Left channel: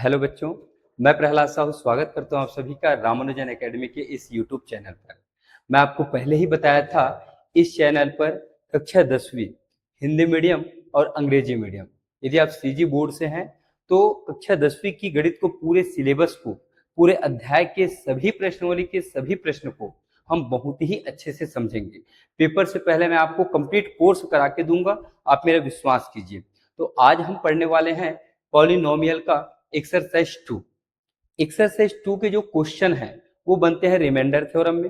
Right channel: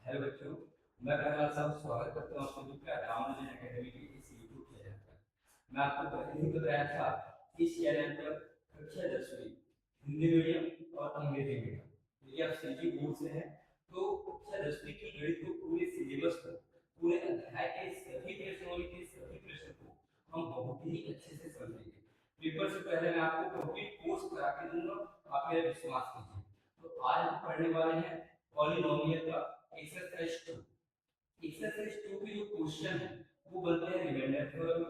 Hello बच्चों, मैं प्रहलाद साहू स्वागत करता हूं आप सभी का रामानुजन एकेडमी के इस यूट्यूब चैनल पर। मैं आपको पहले ही बताया था, इस चैनल पर कक्षा 10वीं हिंदी मीडियम और अंग्रेजी मीडियम, यदि आप सीजी बोर्ड से हैं तो कक्षा 10वीं की गणित को पूरे सिलेबस को, पूरे अध्याय के सभी प्रश्नावली के सभी प्रश्न को हम बहुत ही अच्छे से समझेंगे। पेपर से पहले मैं आपको कंप्लीट कोर्स करा के दूंगा, आप मेरा विश्वास कीजिए। तो आज हम पढ़ने वाले हैं पॉलिनोमियल का एक्सरसाइज 2। एक्सरसाइज 2 के जो क्वेश्चन हैं वो बनते हैं रिमाइंडर थ्योरम में,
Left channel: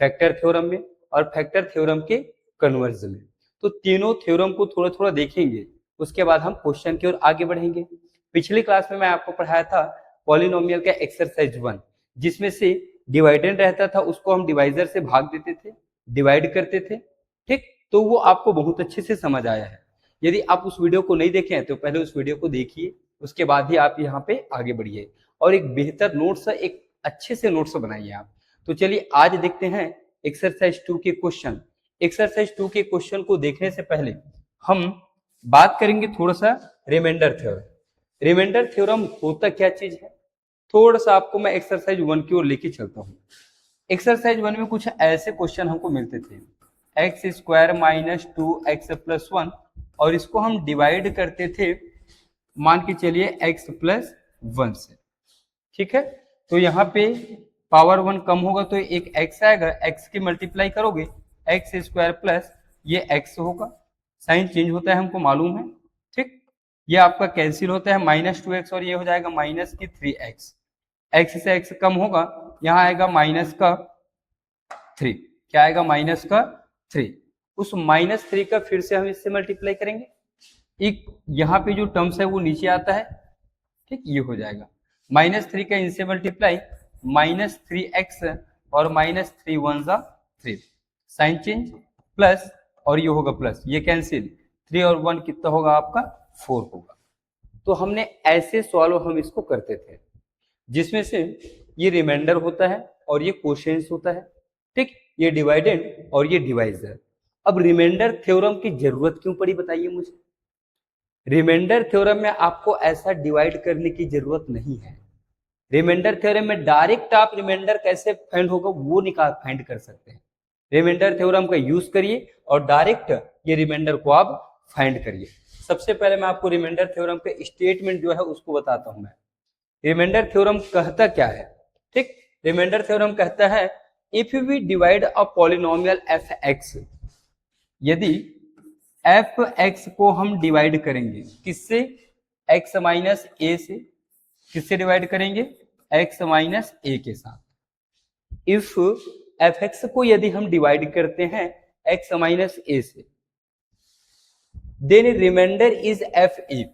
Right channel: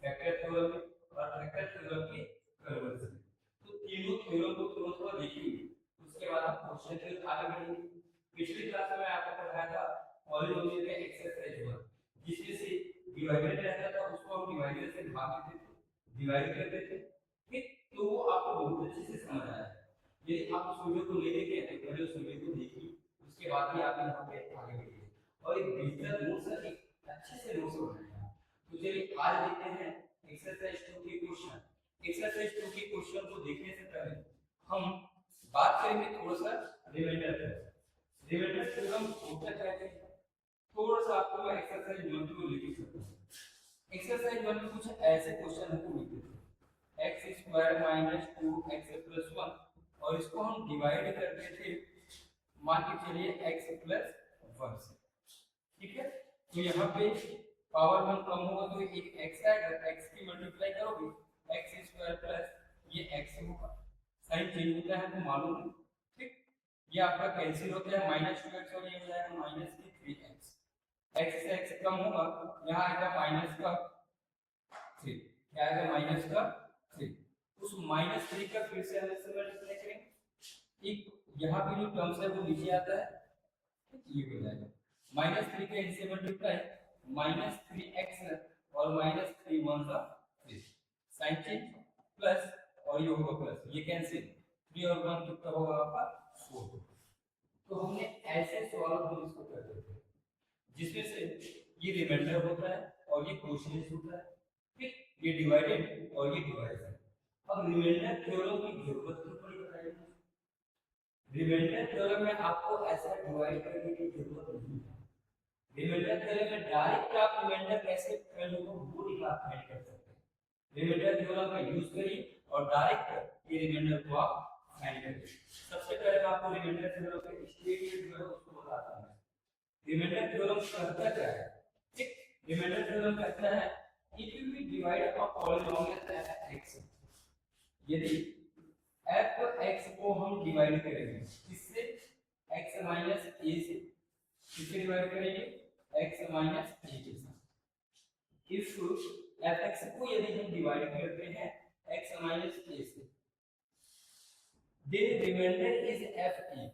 फैक्टर थ्योरम में और फैक्टर थ्योरम के कन्वर्ज में। तो तीनों थ्योरम को थोड़ा थोड़ा देखेंगे, उसके बाद हम क्वेश्चन की ओर आगे बढ़ेंगे। पिछली क्लास में मैं आपको पढ़ाया था पॉलिनोमियल का एक्सरसाइज 1, जिसमें से डिवाइडेंड रहता था, उसको हम डिवाइजर से भाग देते थे, डिवाइड करते थे। ठीक, तो वो आपको बहुत अच्छे से समझ आया है। यदि आप उस वीडियो को नहीं देखे हैं तो पहले उस वीडियो को देखिए, उसके बाद ही आप यहाँ पे आगे बढ़िए और एक बेहतर नोट्स, एक अच्छे से नोट्स बनाइए आप। तो चलिए आज देखते हैं एक्सरसाइज 2 के क्वेश्चन। एक्सरसाइज 2 के क्वेश्चन को देखने से पहले हम बात करेंगे थोड़ा सा रिमाइंडर थ्योरम। रिमाइंडर थ्योरम होता क्या चीज है, थोड़ा सा आपको मैं एक्सरसाइज 1 की ओर लेके चलता हूँ। एक्सरसाइज 1 में कुछ ऐसे क्वेश्चन हमको मिलते थे, एक्स स्क्वायर माइनस 2x+1, और इसको हम डिवाइड करते थे, मान के चलिए x+1 से। ठीक है, तो यहाँ पे पावर 1 कम होगा तो एक x आएगा, x की मल्टीप्लाई करोगे x² प्लस ये x होगा, साइन चेंज होता है हमको मालूम है। ठीक, ये आपका कैंसिल होता है, -2x और ये हो जाएगा -3x। x से x कम होगा, यहाँ आएगा -3। क्या आएगा? -3। उस -3 का फिर से हम इससे मल्टीप्लाई करेंगे, एक यहाँ पे जो टर्म्स है वो नीचे आता है। ठीक, ये हो जाएगा -3 का इनसे मल्टीप्लाई -3x और -3 1 3, साइन चेंज प्लस, और ये होगा प्लस, ये कैंसिल, 3 और 1 कितना होगा आपका? 4 होगा। तो हमने ऐसे सॉल्व हम इसको करते थे, जिसमें से ये रिमाइंडर होता है और ये कोशेंस होता है। ठीक, ये डिवाइडेंड और ये डिवाइजर। अब रिमाइंडर थ्योरम की जरूरत क्यों पड़ी बताइए मुझे। रिमाइंडर थ्योरम में आपको ऐसा डिवाइड करने की जरूरत नहीं है। रिमाइंडर थ्योरम में डायरेक्ट आप रिमाइंडर कैसे फाइंड होगा वो निकाल फाइंड कर सकते हैं। रिमाइंडर थ्योरम का यूज करिए और डायरेक्ट ये रिमाइंडर को आप फाइंड करिए। सबसे पहले मैं आपको रिमाइंडर थ्योरम के स्टेटमेंट जो है उसको बताता हूं। मैं रिमाइंडर थ्योरम कहता क्या है? ठीक, रिमाइंडर थ्योरम कहता है if we divide a polynomial f x, यदि एफ एक्स को हम डिवाइड करेंगे किससे? एक्स माइनस ए से। किससे डिवाइड करेंगे? एक्स माइनस ए के साथ। इफ एफ एक्स को यदि हम डिवाइड करते हैं एक्स माइनस ए से, then remainder is f a.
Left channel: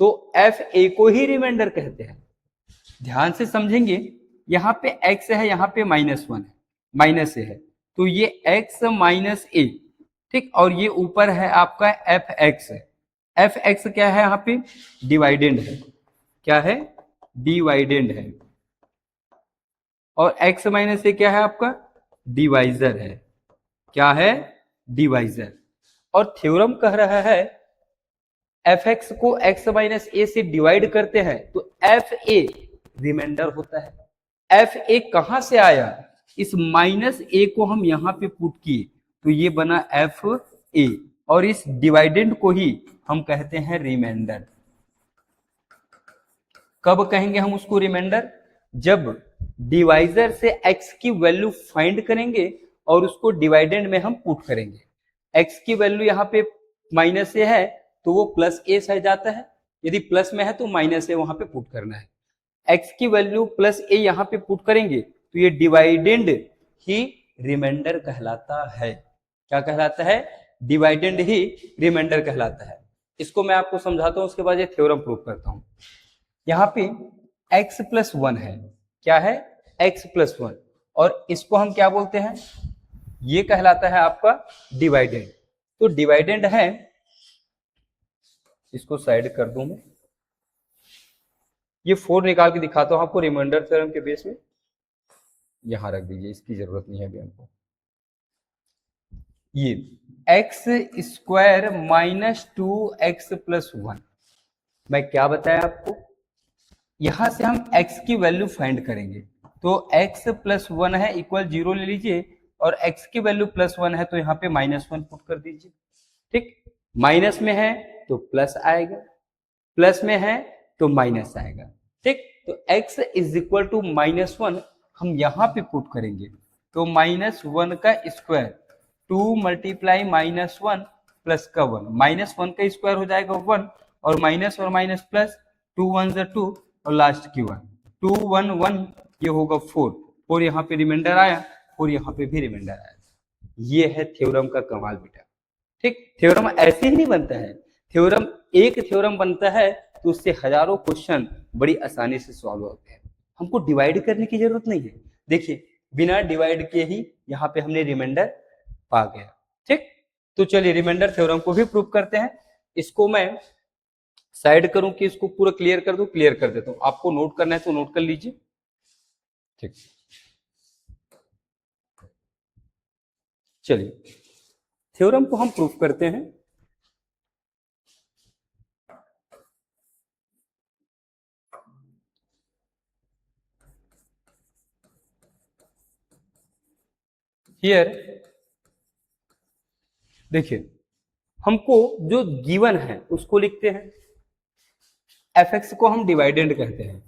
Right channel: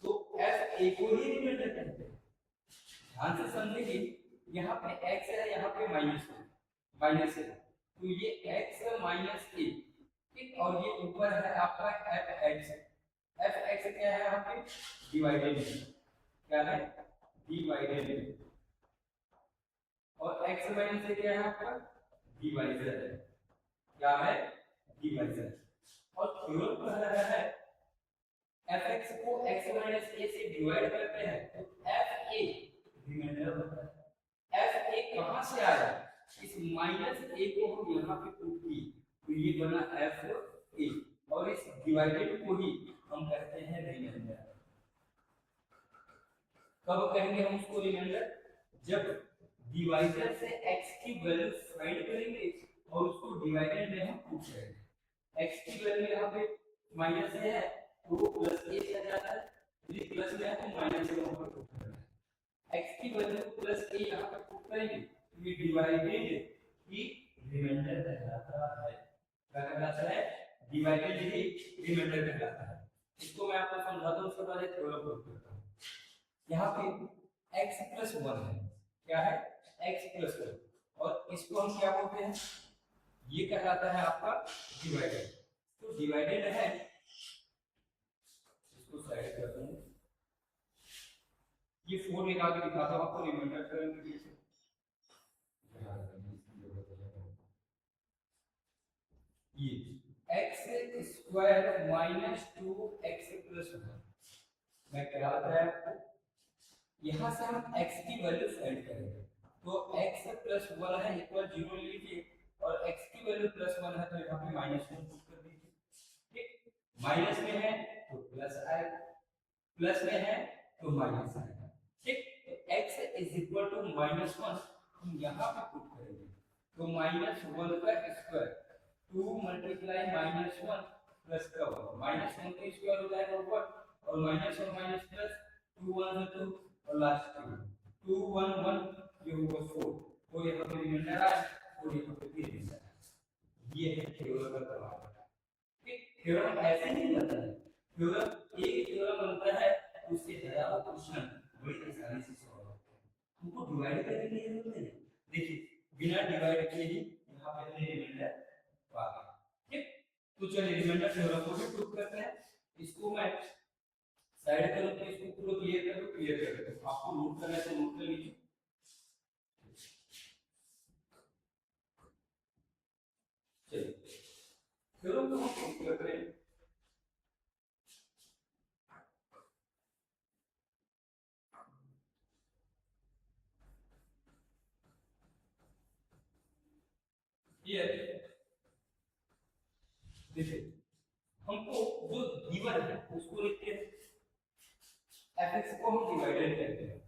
तो एफ ए को ही रिमाइंडर कहते हैं। ध्यान से समझेंगे, यहाँ पे x है, यहाँ पे -1 है, माइनस ए है, तो ये x माइनस ए। ठीक, और ये ऊपर है आपका एफ एक्स है। एफ एक्स क्या है? यहाँ पे डिवाइडेंड है। क्या है? डिवाइडेंड है। और x माइनस ए क्या है आपका? डिवाइजर है। क्या है? डिवाइजर। और थ्योरम कह रहा है एफ एक्स को x माइनस ए से डिवाइड करते हैं तो एफ ए रिमाइंडर होता है। एफ ए कहां से आया? इस माइनस ए को हम यहां पे पुट किए तो ये बना एफ ए, और इस डिवाइडेंड को ही हम कहते हैं रिमाइंडर। कब कहेंगे हम उसको रिमाइंडर? जब डिवाइजर से x की वैल्यू फाइंड करेंगे और उसको डिवाइडेंड में हम पुट करेंगे। x की वैल्यू यहाँ पे माइनस ए है तो वो प्लस ए सह जाता है, यदि प्लस में है तो माइनस ए वहां पे पुट करना है। x की वैल्यू प्लस ए यहाँ पे पुट करेंगे तो ये डिवाइडेंड ही रिमाइंडर कहलाता है। क्या कहलाता है? डिवाइडेंड ही रिमाइंडर कहलाता है। इसको मैं आपको समझाता हूं, उसके बाद ये थ्योरम प्रूव करता हूं। यहाँ पे x+1 है। क्या है? x+1, और इसको हम क्या बोलते हैं? ये कहलाता है आपका डिवाइडेंड। तो डिवाइडेंड है, इसको साइड कर दूं मैं, ये 4 निकाल के दिखाता हूं आपको रिमाइंडर थ्योरम के बेस में। यहां रख दीजिए, इसकी जरूरत नहीं है अभी हमको। ये x² -2x+1, मैं क्या बताया आपको? यहां से हम x की वैल्यू फाइंड करेंगे, तो x प्लस 1 है इक्वल 0 ले लीजिए, और x की वैल्यू प्लस 1 है तो यहाँ पे -1 पुट कर दीजिए। ठीक, माइनस में है तो प्लस आएगा, प्लस में है तो माइनस आएगा। ठीक, तो x इज इक्वल टू -1 हम यहाँ पे पुट करेंगे, तो -1 का स्क्वायर 2 मल्टीप्लाई -1 प्लस का 1, -1 का स्क्वायर हो जाएगा 1, और माइनस और माइनस प्लस, 2 1 ज़ा 2 और लास्ट की 1, 2 1 1, ये होगा 4, और यहाँ पे रिमाइंडर आया और यहाँ पे भी रिमाइंडर आया। ये है थ्योरम का कमाल बेटा। ठीक, थ्योरम ऐसे ही नहीं बनता है, थ्योरम एक थ्योरम बनता है तो उससे हजारों क्वेश्चन बड़ी आसानी से सॉल्व होते हैं। हमको डिवाइड करने की जरूरत नहीं है। देखिए बिना डिवाइड किए ही यहाँ पे हमने रिमाइंडर पा गया। ठीक, तो चलिए रिमाइंडर थ्योरम को भी प्रूव करते हैं। इसको मैं साइड करूं कि इसको पूरा क्लियर कर दूं? क्लियर कर देता हूं। आपको नोट करना है तो नोट कर लीजिए। ठीक, चलिए थ्योरम को हम प्रूफ करते हैं। हियर देखिए, हमको जो गिवन है उसको लिखते हैं, एफ एक्स को हम डिवाइडेंड कहते हैं,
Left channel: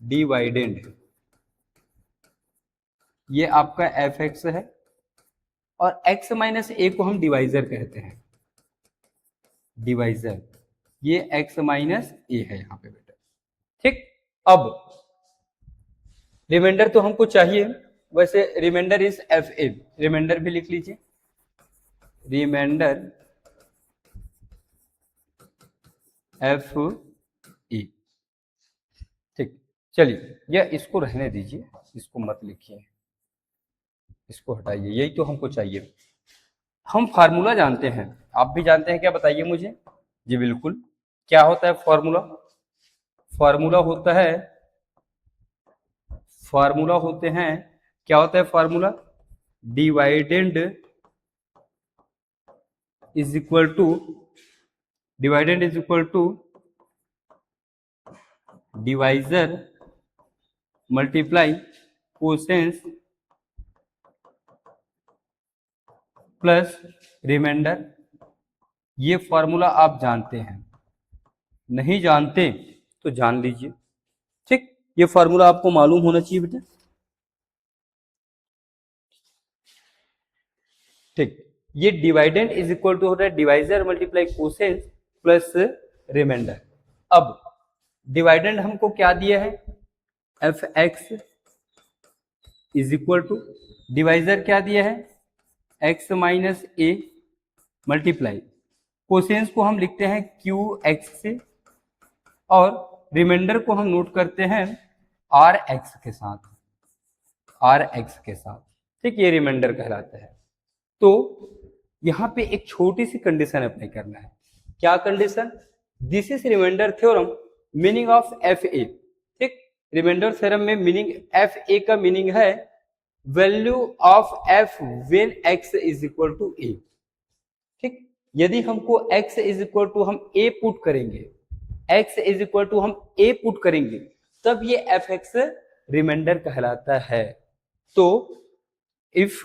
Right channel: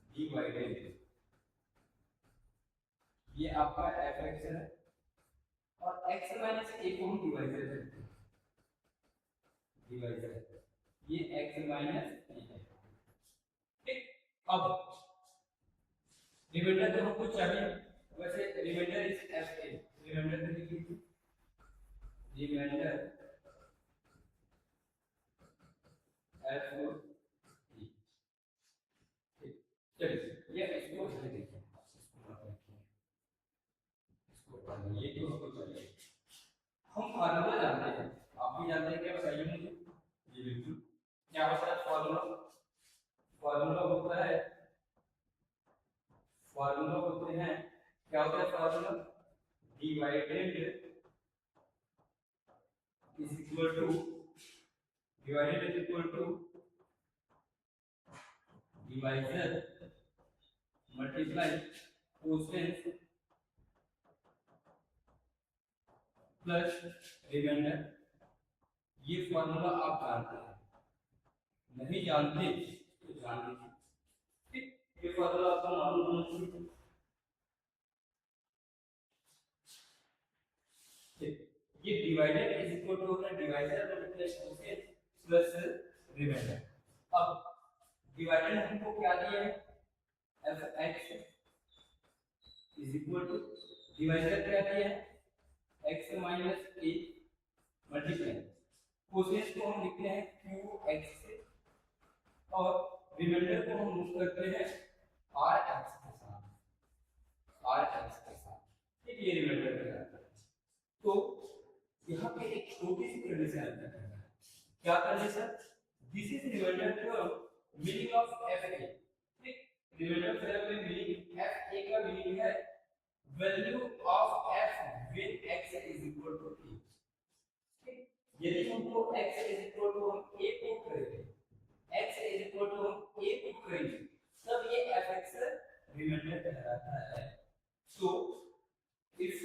डिवाइडेंड, ये आपका एफ एक्स है, और x माइनस ए को हम डिवाइजर कहते हैं, डिवाइजर, ये x माइनस ए है यहाँ पे बेटा। ठीक, अब रिमाइंडर तो हमको चाहिए, वैसे remainder is f a, remainder भी लिख लीजिए, रिमाइंडर एफ ई। ठीक, चलिए यह इसको रहने दीजिए, इसको मत लिखिए, इसको हटाइए, यही तो हमको चाहिए। हम फार्मूला जानते हैं, आप भी जानते हैं क्या? बताइए मुझे। जी बिल्कुल, क्या होता है फार्मूला? फार्मूला होता है, फार्मूला होते हैं, क्या होता है formula? Dividend is equal to, dividend is equal to divisor multiply quotient plus remainder. ये फॉर्मूला आप जानते हैं, नहीं जानते तो जान लीजिए। ठीक, ये फॉर्मूला आपको मालूम होना चाहिए बेटा। ठीक, ये डिवाइडेंड इज इक्वल टू होता है divisor multiply quotient plus remainder. अब डिवाइडेंड हमको क्या दिया है? F x is equal to, divisor क्या दिया है? X minus a multiply, quotient को हम लिखते हैं क्यू एक्स से, और रिमाइंडर को हम नोट करते हैं आर एक्स के साथ, आर एक्स के साथ। ठीक, ये रिमाइंडर कहलाता है। तो यहाँ पे एक छोटी सी कंडीशन अप्लाई करना है। क्या condition? This is remainder theorem, meaning of F A. ठीक, रिमाइंडर थ्योरम में मीनिंग एफ ए का मीनिंग है value of F when X is equal to A. ठीक, यदि हमको x इज इक्वल टू हम a पुट करेंगे, x इज इक्वल टू हम a पुट करेंगे, तब ये एफ एक्स रिमाइंडर कहलाता है। तो if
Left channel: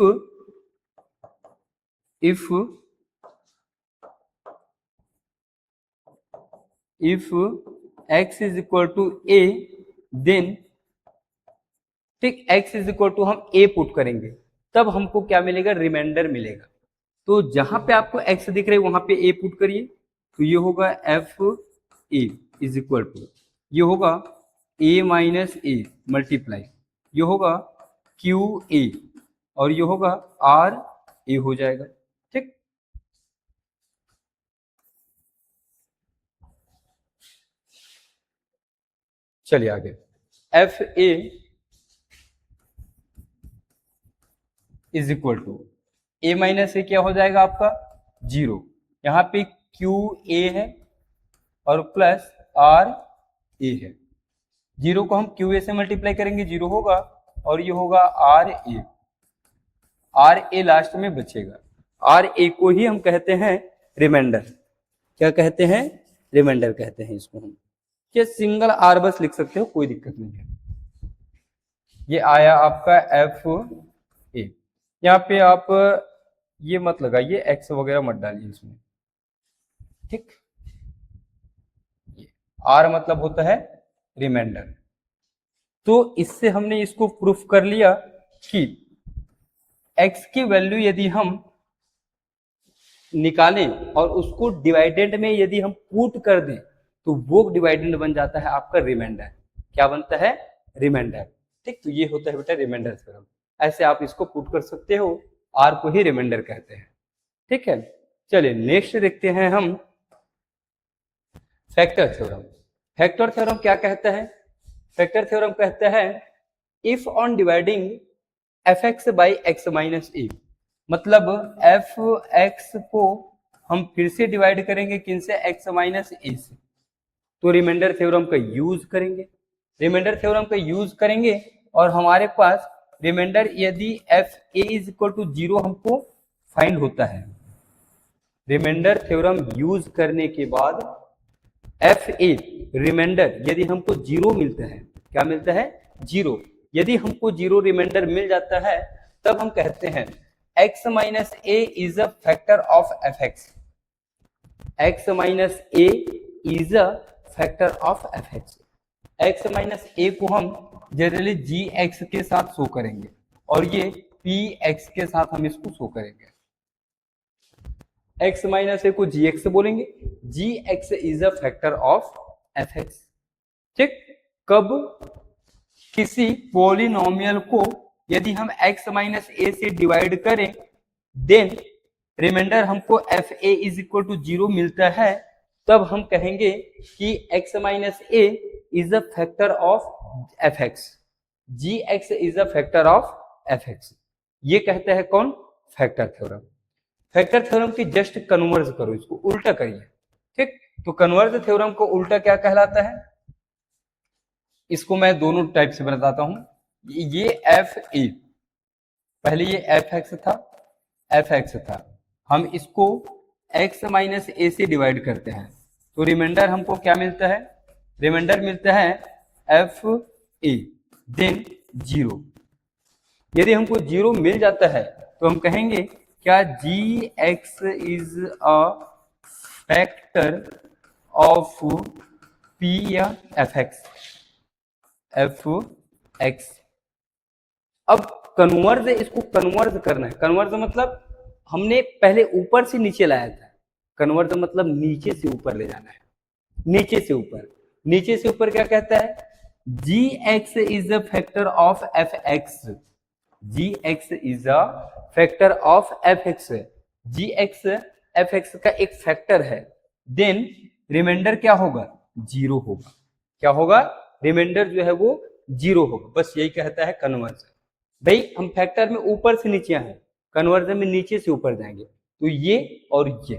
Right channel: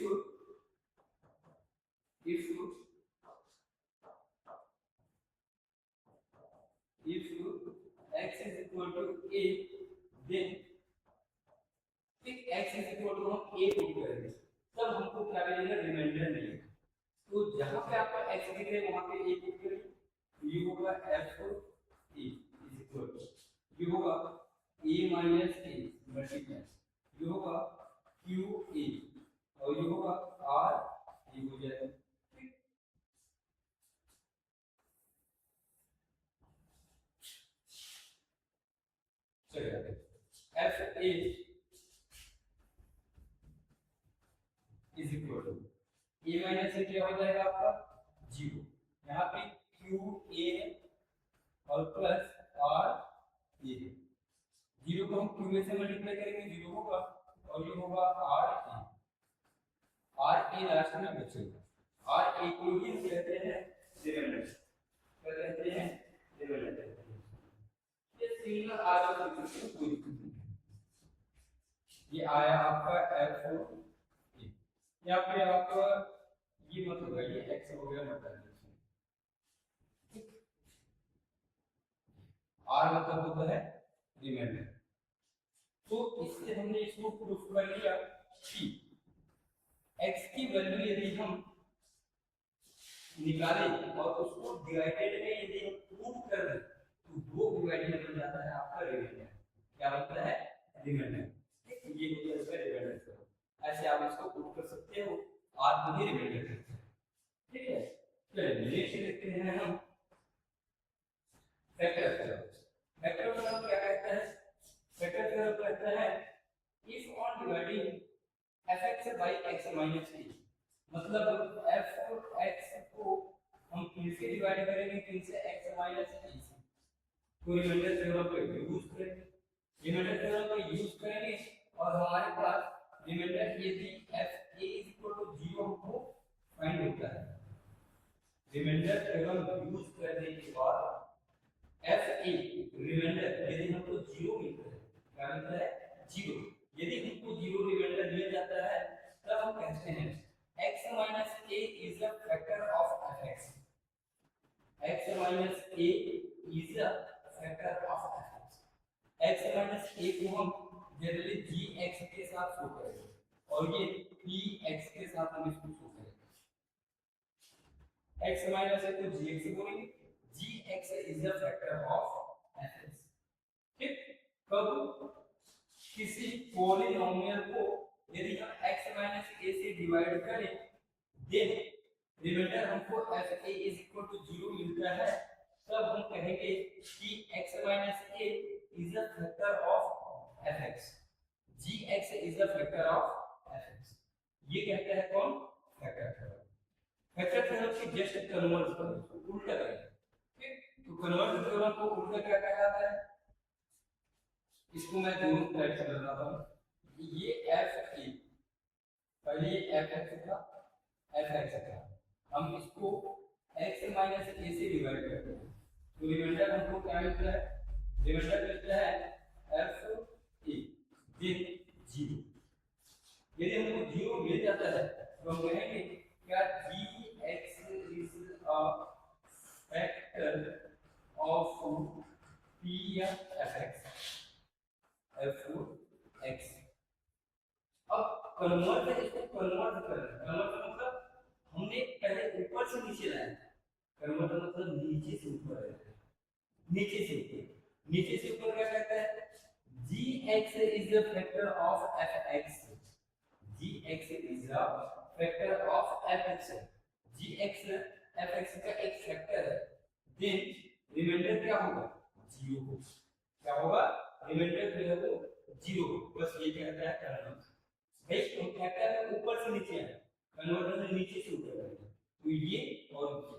x is equal to a, then ठीक x इज इक्वल टू हम a पुट करेंगे, तब हमको क्या मिलेगा? रिमाइंडर मिलेगा। तो जहां पे आपको x दिख रहा है वहां पे a पुट करिए, तो ये होगा f A is equal to, ये होगा a माइनस ए मल्टीप्लाई, ये होगा क्यू ए, और ये होगा आर ए हो जाएगा। ठीक, चलिए आगे, F A is equal to A minus A क्या हो जाएगा आपका? 0। यहाँ पे क्यू ए है और प्लस आर ए है, 0 को हम क्यू ए से मल्टीप्लाई करेंगे 0 होगा, और ये होगा r a, r a last में बचेगा। आर ए को ही हम कहते हैं रिमाइंडर। क्या कहते हैं? रिमाइंडर कहते हैं इसको हम। कि सिंगल आर बस लिख सकते हो, कोई दिक्कत नहीं है। ये आया आपका एफ ए। यहाँ पे आप ये मत लगाइए, एक्स वगैरह मत डालिए इसमें, ठीक। आर मतलब होता है रिमाइंडर। तो इससे हमने इसको प्रूफ कर लिया कि x की वैल्यू यदि हम निकालें और उसको डिवाइडेंड में यदि हम पुट कर दें तो वो डिवाइडेंड बन जाता है आपका रिमाइंडर। क्या बनता है? रिमाइंडर, ठीक। तो ये होता है बेटा रिमाइंडर थ्योरम। ऐसे आप इसको पुट कर सकते हो, आर को ही रिमाइंडर कहते हैं, ठीक है। चलिए नेक्स्ट देखते हैं हम फैक्टर थ्योरम। फैक्टर थ्योरम क्या कहता है? फैक्टर थ्योरम कहता है if on dividing F x by X minus A, मतलब एफ एक्स को हम फिर से डिवाइड करेंगे किन से? एक्स माइनस ए से, तो रिमाइंडर थ्योरम का यूज करेंगे। रिमाइंडर थ्योरम का यूज करेंगे और हमारे पास रिमाइंडर यदि f A is equal to 0 हमको फाइंड होता है। रिमाइंडर थ्योरम यूज करने के बाद एफ ए रिमाइंडर यदि हमको 0 मिलता है, क्या मिलता है? 0। यदि हमको 0 रिमाइंडर मिल जाता है तब हम कहते हैं x minus A is a factor of F X. X minus A is a factor of F X. X minus A को हम जनरली जी एक्स के साथ शो करेंगे और ये पी एक्स के साथ हम इसको शो करेंगे। x माइनस ए को जी एक्स बोलेंगे, G x is a factor of F X, ठीक। कब? किसी पॉलिनोमियल को यदि हम x माइनस ए से डिवाइड करें देन रिमाइंडर हमको f A is equal to 0 मिलता है, तब हम कहेंगे कि x minus A is a factor of F x, ji x is a factor of F x. ये कहता है कौन? Factor theorem. फैक्टर थ्योरम की जस्ट कन्वर्ज करो, इसको उल्टा करिए, ठीक। तो कन्वर्ज थ्योरम को उल्टा क्या कहलाता है? इसको मैं दोनों टाइप से बताता हूं। ये एफ ए, पहले ये एफ एक्स था, एफ एक्स था, हम इसको एक्स माइनस ए से डिवाइड करते हैं तो रिमाइंडर हमको क्या मिलता है? रिमाइंडर मिलता है एफ ए देन 0। यदि हमको 0 मिल जाता है तो हम कहेंगे क्या G x is a factor of P या एफ एक्स? F X. अब कन्वर्ज, इसको कन्वर्ज करना है। कन्वर्ज मतलब हमने पहले ऊपर से नीचे लाया था, कन्वर्ज मतलब नीचे से ऊपर ले जाना है, नीचे से ऊपर। नीचे से ऊपर क्या कहता है? जी x is a factor of F x, ji x is a factor of F x. Ji X F X का एक फैक्टर है, देन रिमाइंडर क्या होगा? 0 होगा। क्या होगा? रिमाइंडर जो है वो 0 होगा। बस यही कहता है कन्वर्जन। भाई हम फैक्टर में ऊपर से नीचे आए, कन्वर्जन में नीचे से ऊपर जाएंगे, तो ये और ये।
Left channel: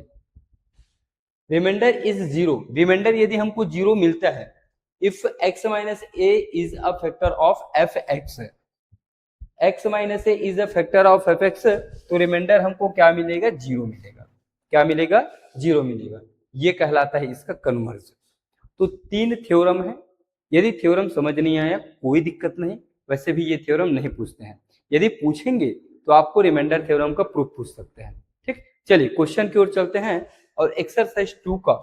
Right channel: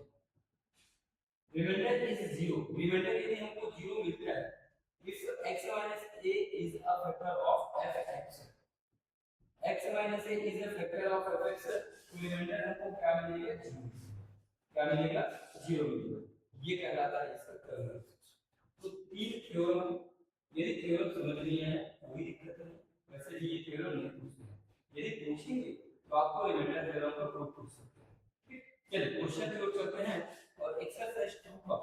रिमाइंडर इज 0, रिमाइंडर यदि हमको 0 मिलता है, if x minus A is a factor of F x, x minus A is a factor of F x, तो रिमाइंडर हमको क्या मिलेगा? 0 मिलेगा। क्या मिलेगा? 0 मिलेगा। ये कहलाता है इसका कन्वर्जन। तो 3 थ्योरम है। यदि थ्योरम समझ नहीं आया कोई दिक्कत नहीं, वैसे भी ये थ्योरम नहीं पूछते हैं। यदि पूछेंगे तो आपको रिमाइंडर थ्योरम का प्रूफ पूछ सकते हैं, ठीक। चलिए क्वेश्चन की ओर चलते हैं और एक्सरसाइज 2 का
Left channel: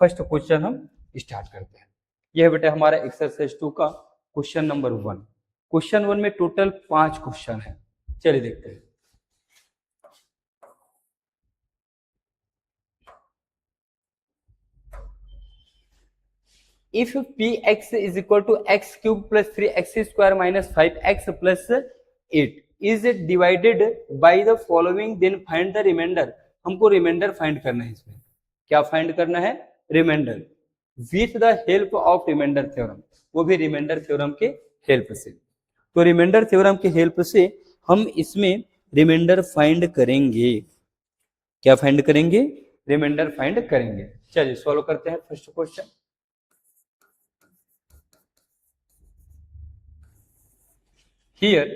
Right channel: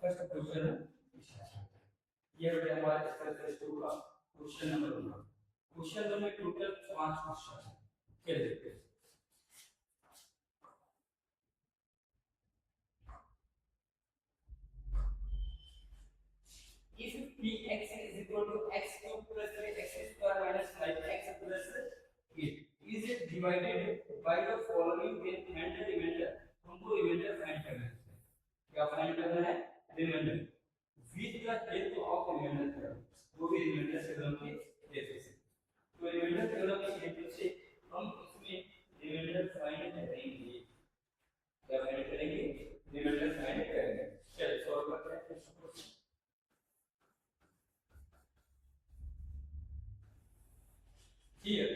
फर्स्ट क्वेश्चन हम स्टार्ट करते हैं। यह बेटा हमारा एक्सरसाइज 2 का क्वेश्चन नंबर 1। क्वेश्चन 1 में टोटल 5 क्वेश्चन है। चलिए देखते हैं। If px is equal to x cube plus 3x square minus 5x plus 8 is divided by the following, then find the remainder। हमको रिमाइंडर फाइंड करना है। इसमें क्या फाइंड करना है? Remainder with the help of remainder theorem, वो भी reminder theorem के हेल्प से। तो रिमाइंडर थ्योरम के हेल्प से हम इसमें रिमाइंडर फाइंड करेंगे। क्या फाइंड करेंगे? रिमाइंडर फाइंड करेंगे। चलिए सॉल्व करते हैं फर्स्ट क्वेश्चन। हियर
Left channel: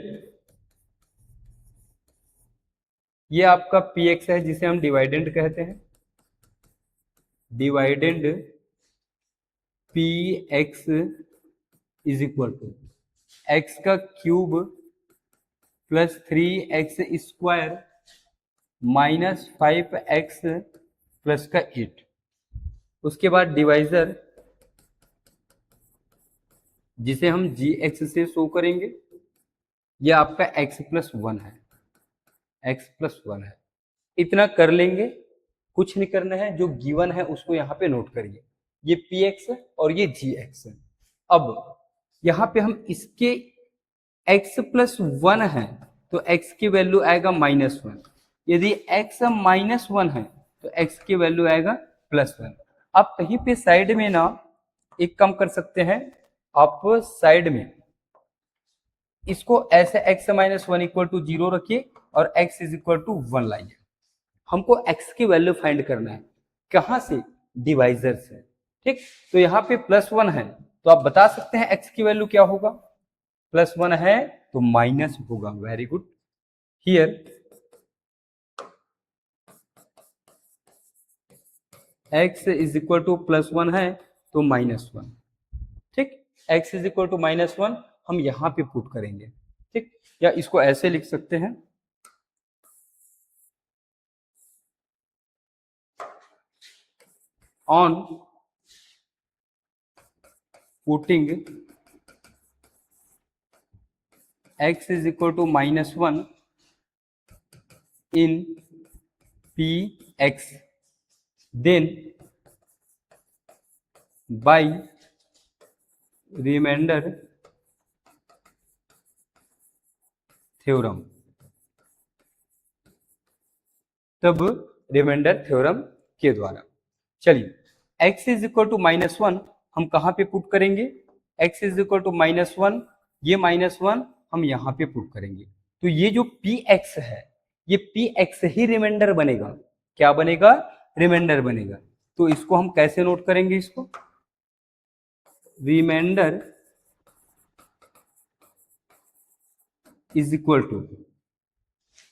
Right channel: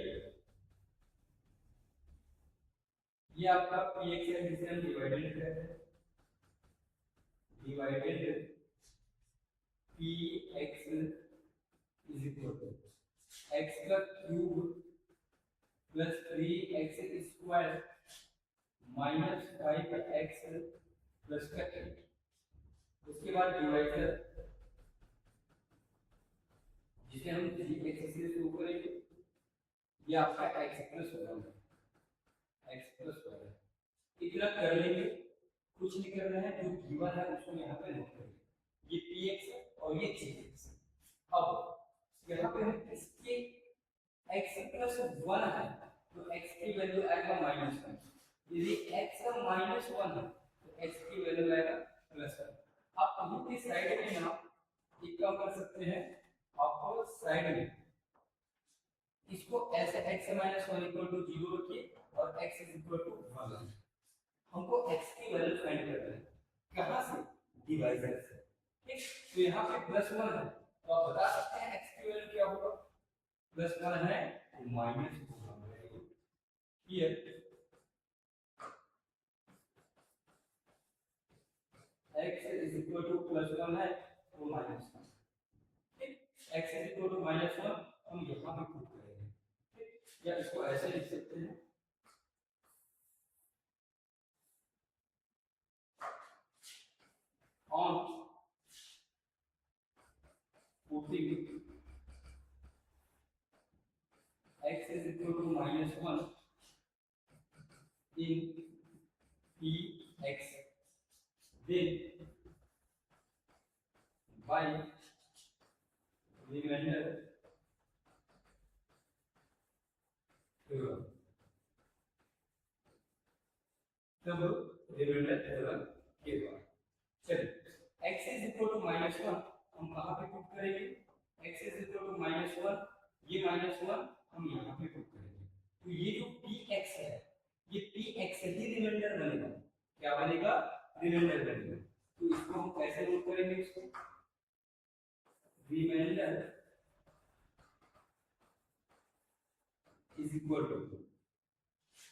ये आपका px है जिसे हम डिवाइडेंड कहते हैं। Dividend P x is equal to X का cube plus 3x square minus 5x plus का 8। उसके बाद डिवाइजर जिसे हम gx से शो करेंगे, यह आपका x प्लस 1 है, x प्लस 1 है। इतना कर लेंगे, कुछ नहीं करना है, जो गिवन है उसको यहाँ पे नोट करिए, ये px और ये gx है। अब यहाँ पे हम इसके x प्लस 1 है तो x की वैल्यू आएगा -1, यदि x -1 है तो x की वैल्यू आएगा +1। आप कहीं पे साइड में ना एक काम कर सकते हैं, आप साइड में इसको ऐसे x -1 इक्वल टू 0 रखिए और x इज इक्वल टू 1 लाइए। हमको x की वैल्यू फाइंड करना है, कहाँ से? डिवाइजर से। ठीक, तो यहाँ पे +1 है तो आप बता सकते हैं x की वैल्यू क्या होगा। +1 है तो माइनस होगा। Very good. Here x is equal to +1 है तो -1। ठीक, x इज इक्वल टू -1 हम यहाँ पे पुट करेंगे। ठीक, या इसको ऐसे लिख सकते हैं, on putting x is equal to -1 in px, then by remainder theorem, तब रिमाइंडर थ्योरम के द्वारा। चलिए, x इज इक्वल टू -1 हम कहाँ पे पुट करेंगे? x इज इक्वल टू -1, ये -1 हम यहाँ पे पुट करेंगे, तो ये जो px है ये px ही रिमाइंडर बनेगा। क्या बनेगा? रिमाइंडर बनेगा। तो इसको हम कैसे नोट करेंगे? इसको remainder is equal to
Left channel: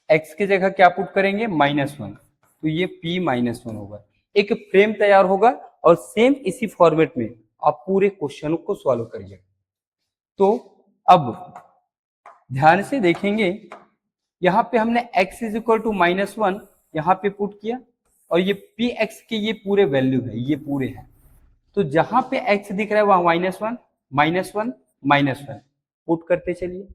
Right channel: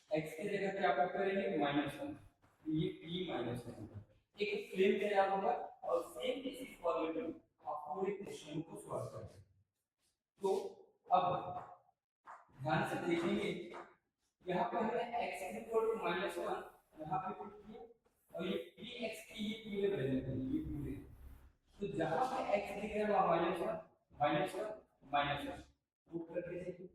x की जगह क्या पुट करेंगे? -1, तो ये p -1 होगा। एक फ्रेम तैयार होगा और सेम इसी फॉर्मेट में आप पूरे क्वेश्चन को सॉल्व करिए। तो अब ध्यान से देखेंगे, यहाँ पे हमने x इज इक्वल टू -1 यहाँ पे पुट किया और ये px की ये पूरे वैल्यू है, ये पूरे हैं। तो जहां पे x दिख रहा है वहां -1 -1 -1 पुट करते चलिए,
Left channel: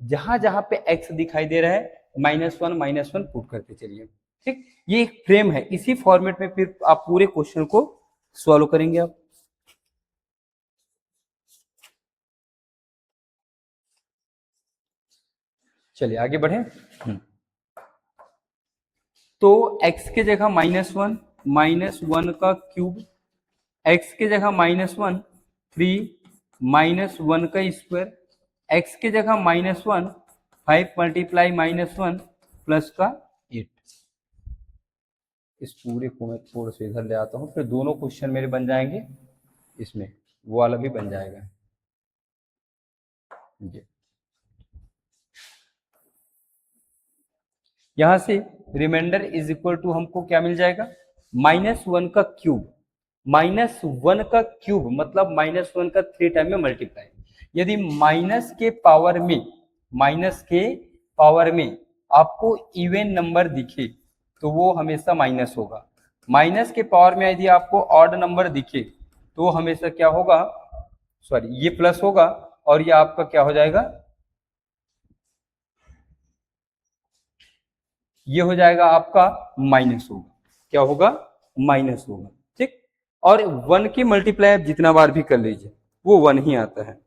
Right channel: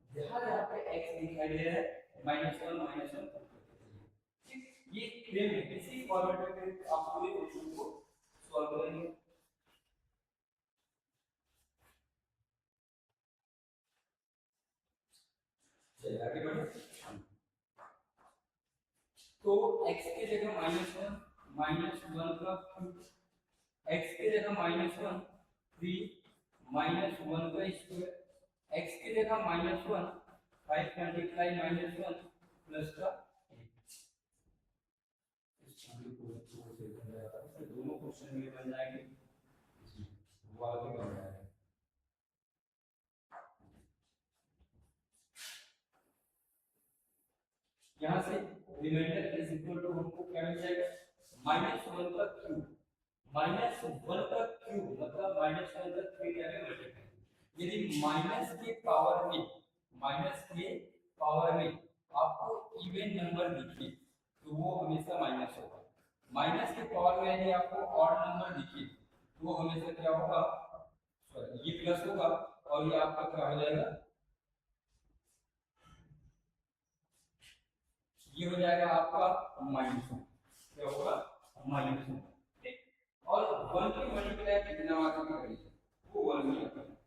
जहां जहां पे x दिखाई दे रहा है -1 पुट करते चलिए। ठीक, ये एक फ्रेम है, इसी फॉर्मेट में फिर आप पूरे क्वेश्चन को सॉल्व करेंगे। आप चलिए आगे बढ़े। तो x के जगह -1 -1 का क्यूब, x के जगह -1 3 -1 का स्क्वायर, x की जगह -1 5 मल्टीप्लाई -1 प्लस का 8। इस पूरे को मैं थोड़ा सा इधर ले आता हूँ, फिर दोनों क्वेश्चन मेरे बन जाएंगे, इसमें वो वाला भी बन जाएगा। जी, यहाँ से रिमाइंडर इज इक्वल टू हमको क्या मिल जाएगा? -1 का क्यूब, -1 का क्यूब मतलब -1 का 3 टाइम में मल्टीप्लाई। यदि माइनस के पावर में आपको इवन नंबर दिखे तो वो हमेशा माइनस होगा। माइनस के पावर में यदि आपको ऑड नंबर दिखे तो हमेशा क्या होगा? सॉरी, ये प्लस होगा और ये आपका क्या हो जाएगा? ये हो जाएगा आपका माइनस होगा। क्या होगा? माइनस होगा। ठीक, और 1 की मल्टीप्लाई आप जितना बार भी कर लीजिए वो 1 ही आता है।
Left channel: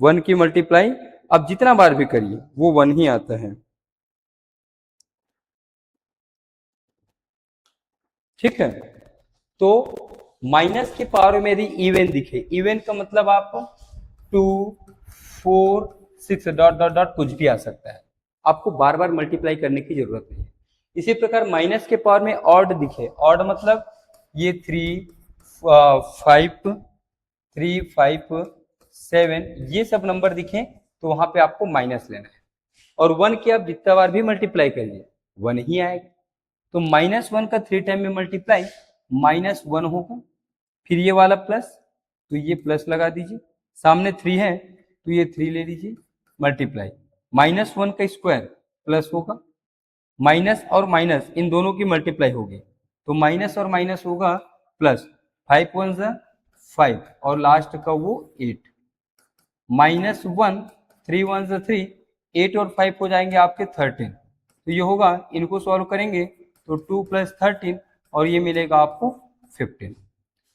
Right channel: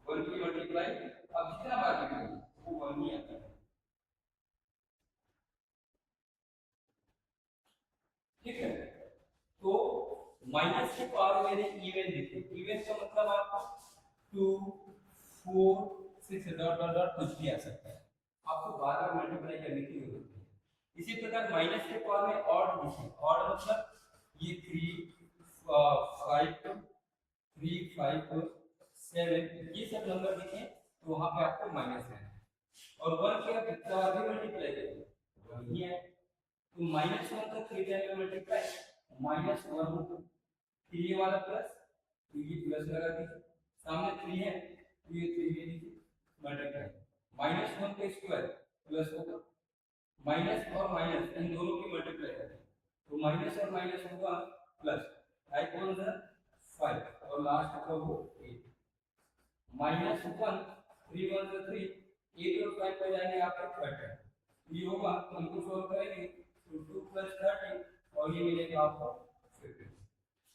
1 की मल्टीप्लाई आप जितना बार भी करिए वो 1 ही आता है। ठीक है, तो माइनस के पावर में यदि इवन दिखे, इवन का मतलब आप 2 4 6 डॉट डॉट डॉट कुछ भी आ सकता है, आपको बार बार मल्टीप्लाई करने की जरूरत नहीं है। इसी प्रकार माइनस के पावर में ऑड दिखे, ऑड मतलब ये 3 5 3 5 7 ये सब नंबर दिखे तो वहां पे आपको माइनस लेना है, और 1 की आप जितना बार भी मल्टीप्लाई करिए 1 ही आएगा। तो -1 का 3 टाइम में मल्टीप्लाई -1 होगा, फिर ये वाला प्लस, तो ये प्लस लगा दीजिए, सामने 3 है तो ये 3 ले लीजिए, मल्टीप्लाई -1 का स्क्वायर प्लस होगा, माइनस और माइनस इन दोनों की मल्टीप्लाई होगी तो माइनस और माइनस होगा प्लस, 5 1 5 और लास्ट का वो 8, -1 3 1 3, 8 और 5 हो जाएंगे आपके 13, तो ये होगा, इनको सॉल्व करेंगे तो 2 + 13 और ये मिलेगा आपको 15,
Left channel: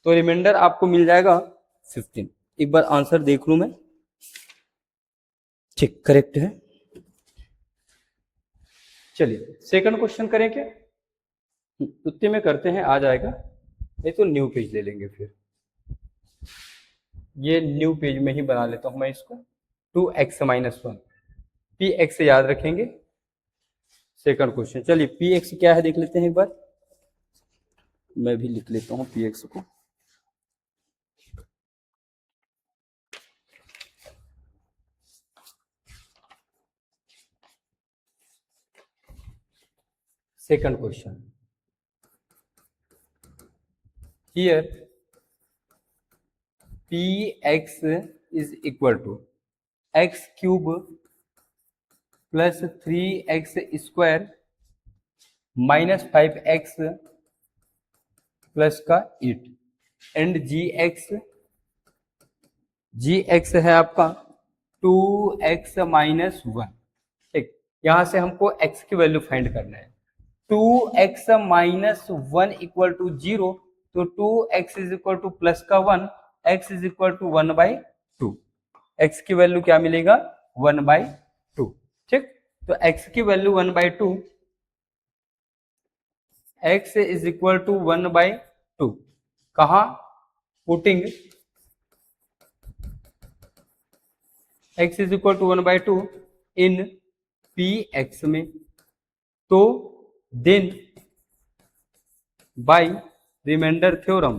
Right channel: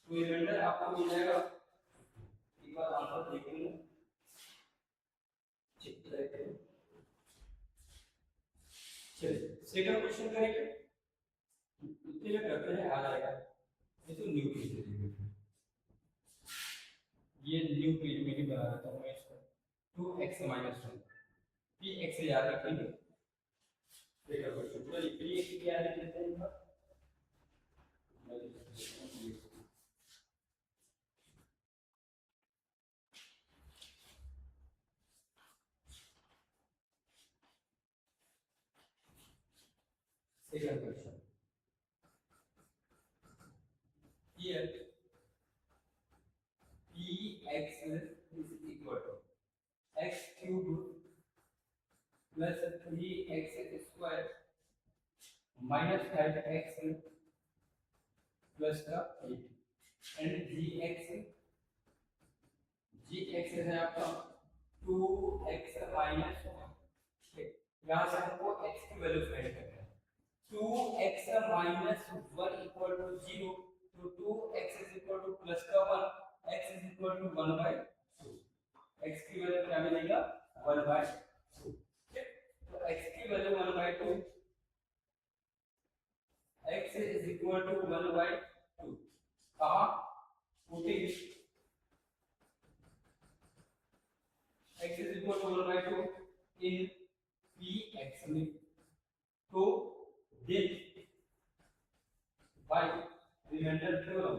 तो रिमाइंडर आपको मिल जाएगा 15। एक बार आंसर देख लूं मैं, ठीक करेक्ट है। चलिए सेकंड क्वेश्चन करें क्या, उतने में करते हैं, आ जाएगा, नहीं तो न्यू पेज ले लेंगे फिर, ये न्यू पेज में ही बना लेता हूं मैं इसको। 2x - 1 पी एक्स याद रखेंगे, सेकंड क्वेश्चन। चलिए पी एक्स क्या है देख लेते हैं एक बार, मैं भी लिख लेता हूँ पी एक्स को। Second question, here p x is equal to x³ + 3x² - 5x plus का 8 एंड जी एक्स है आपका 2x - 1, ठीक, यहां से हमको x की वैल्यू फाइंड करना है। 2x - 1 इक्वल टू 0, तो 2x is equal to plus का 1, x is equal to 1/2, x की वैल्यू क्या मिलेगा 1/2, ठीक, तो x की value 1/2, x is equal to 1/2, कहा putting x is equal to 1/2 in P x में, तो देन बाय रिमाइंडर थ्योरम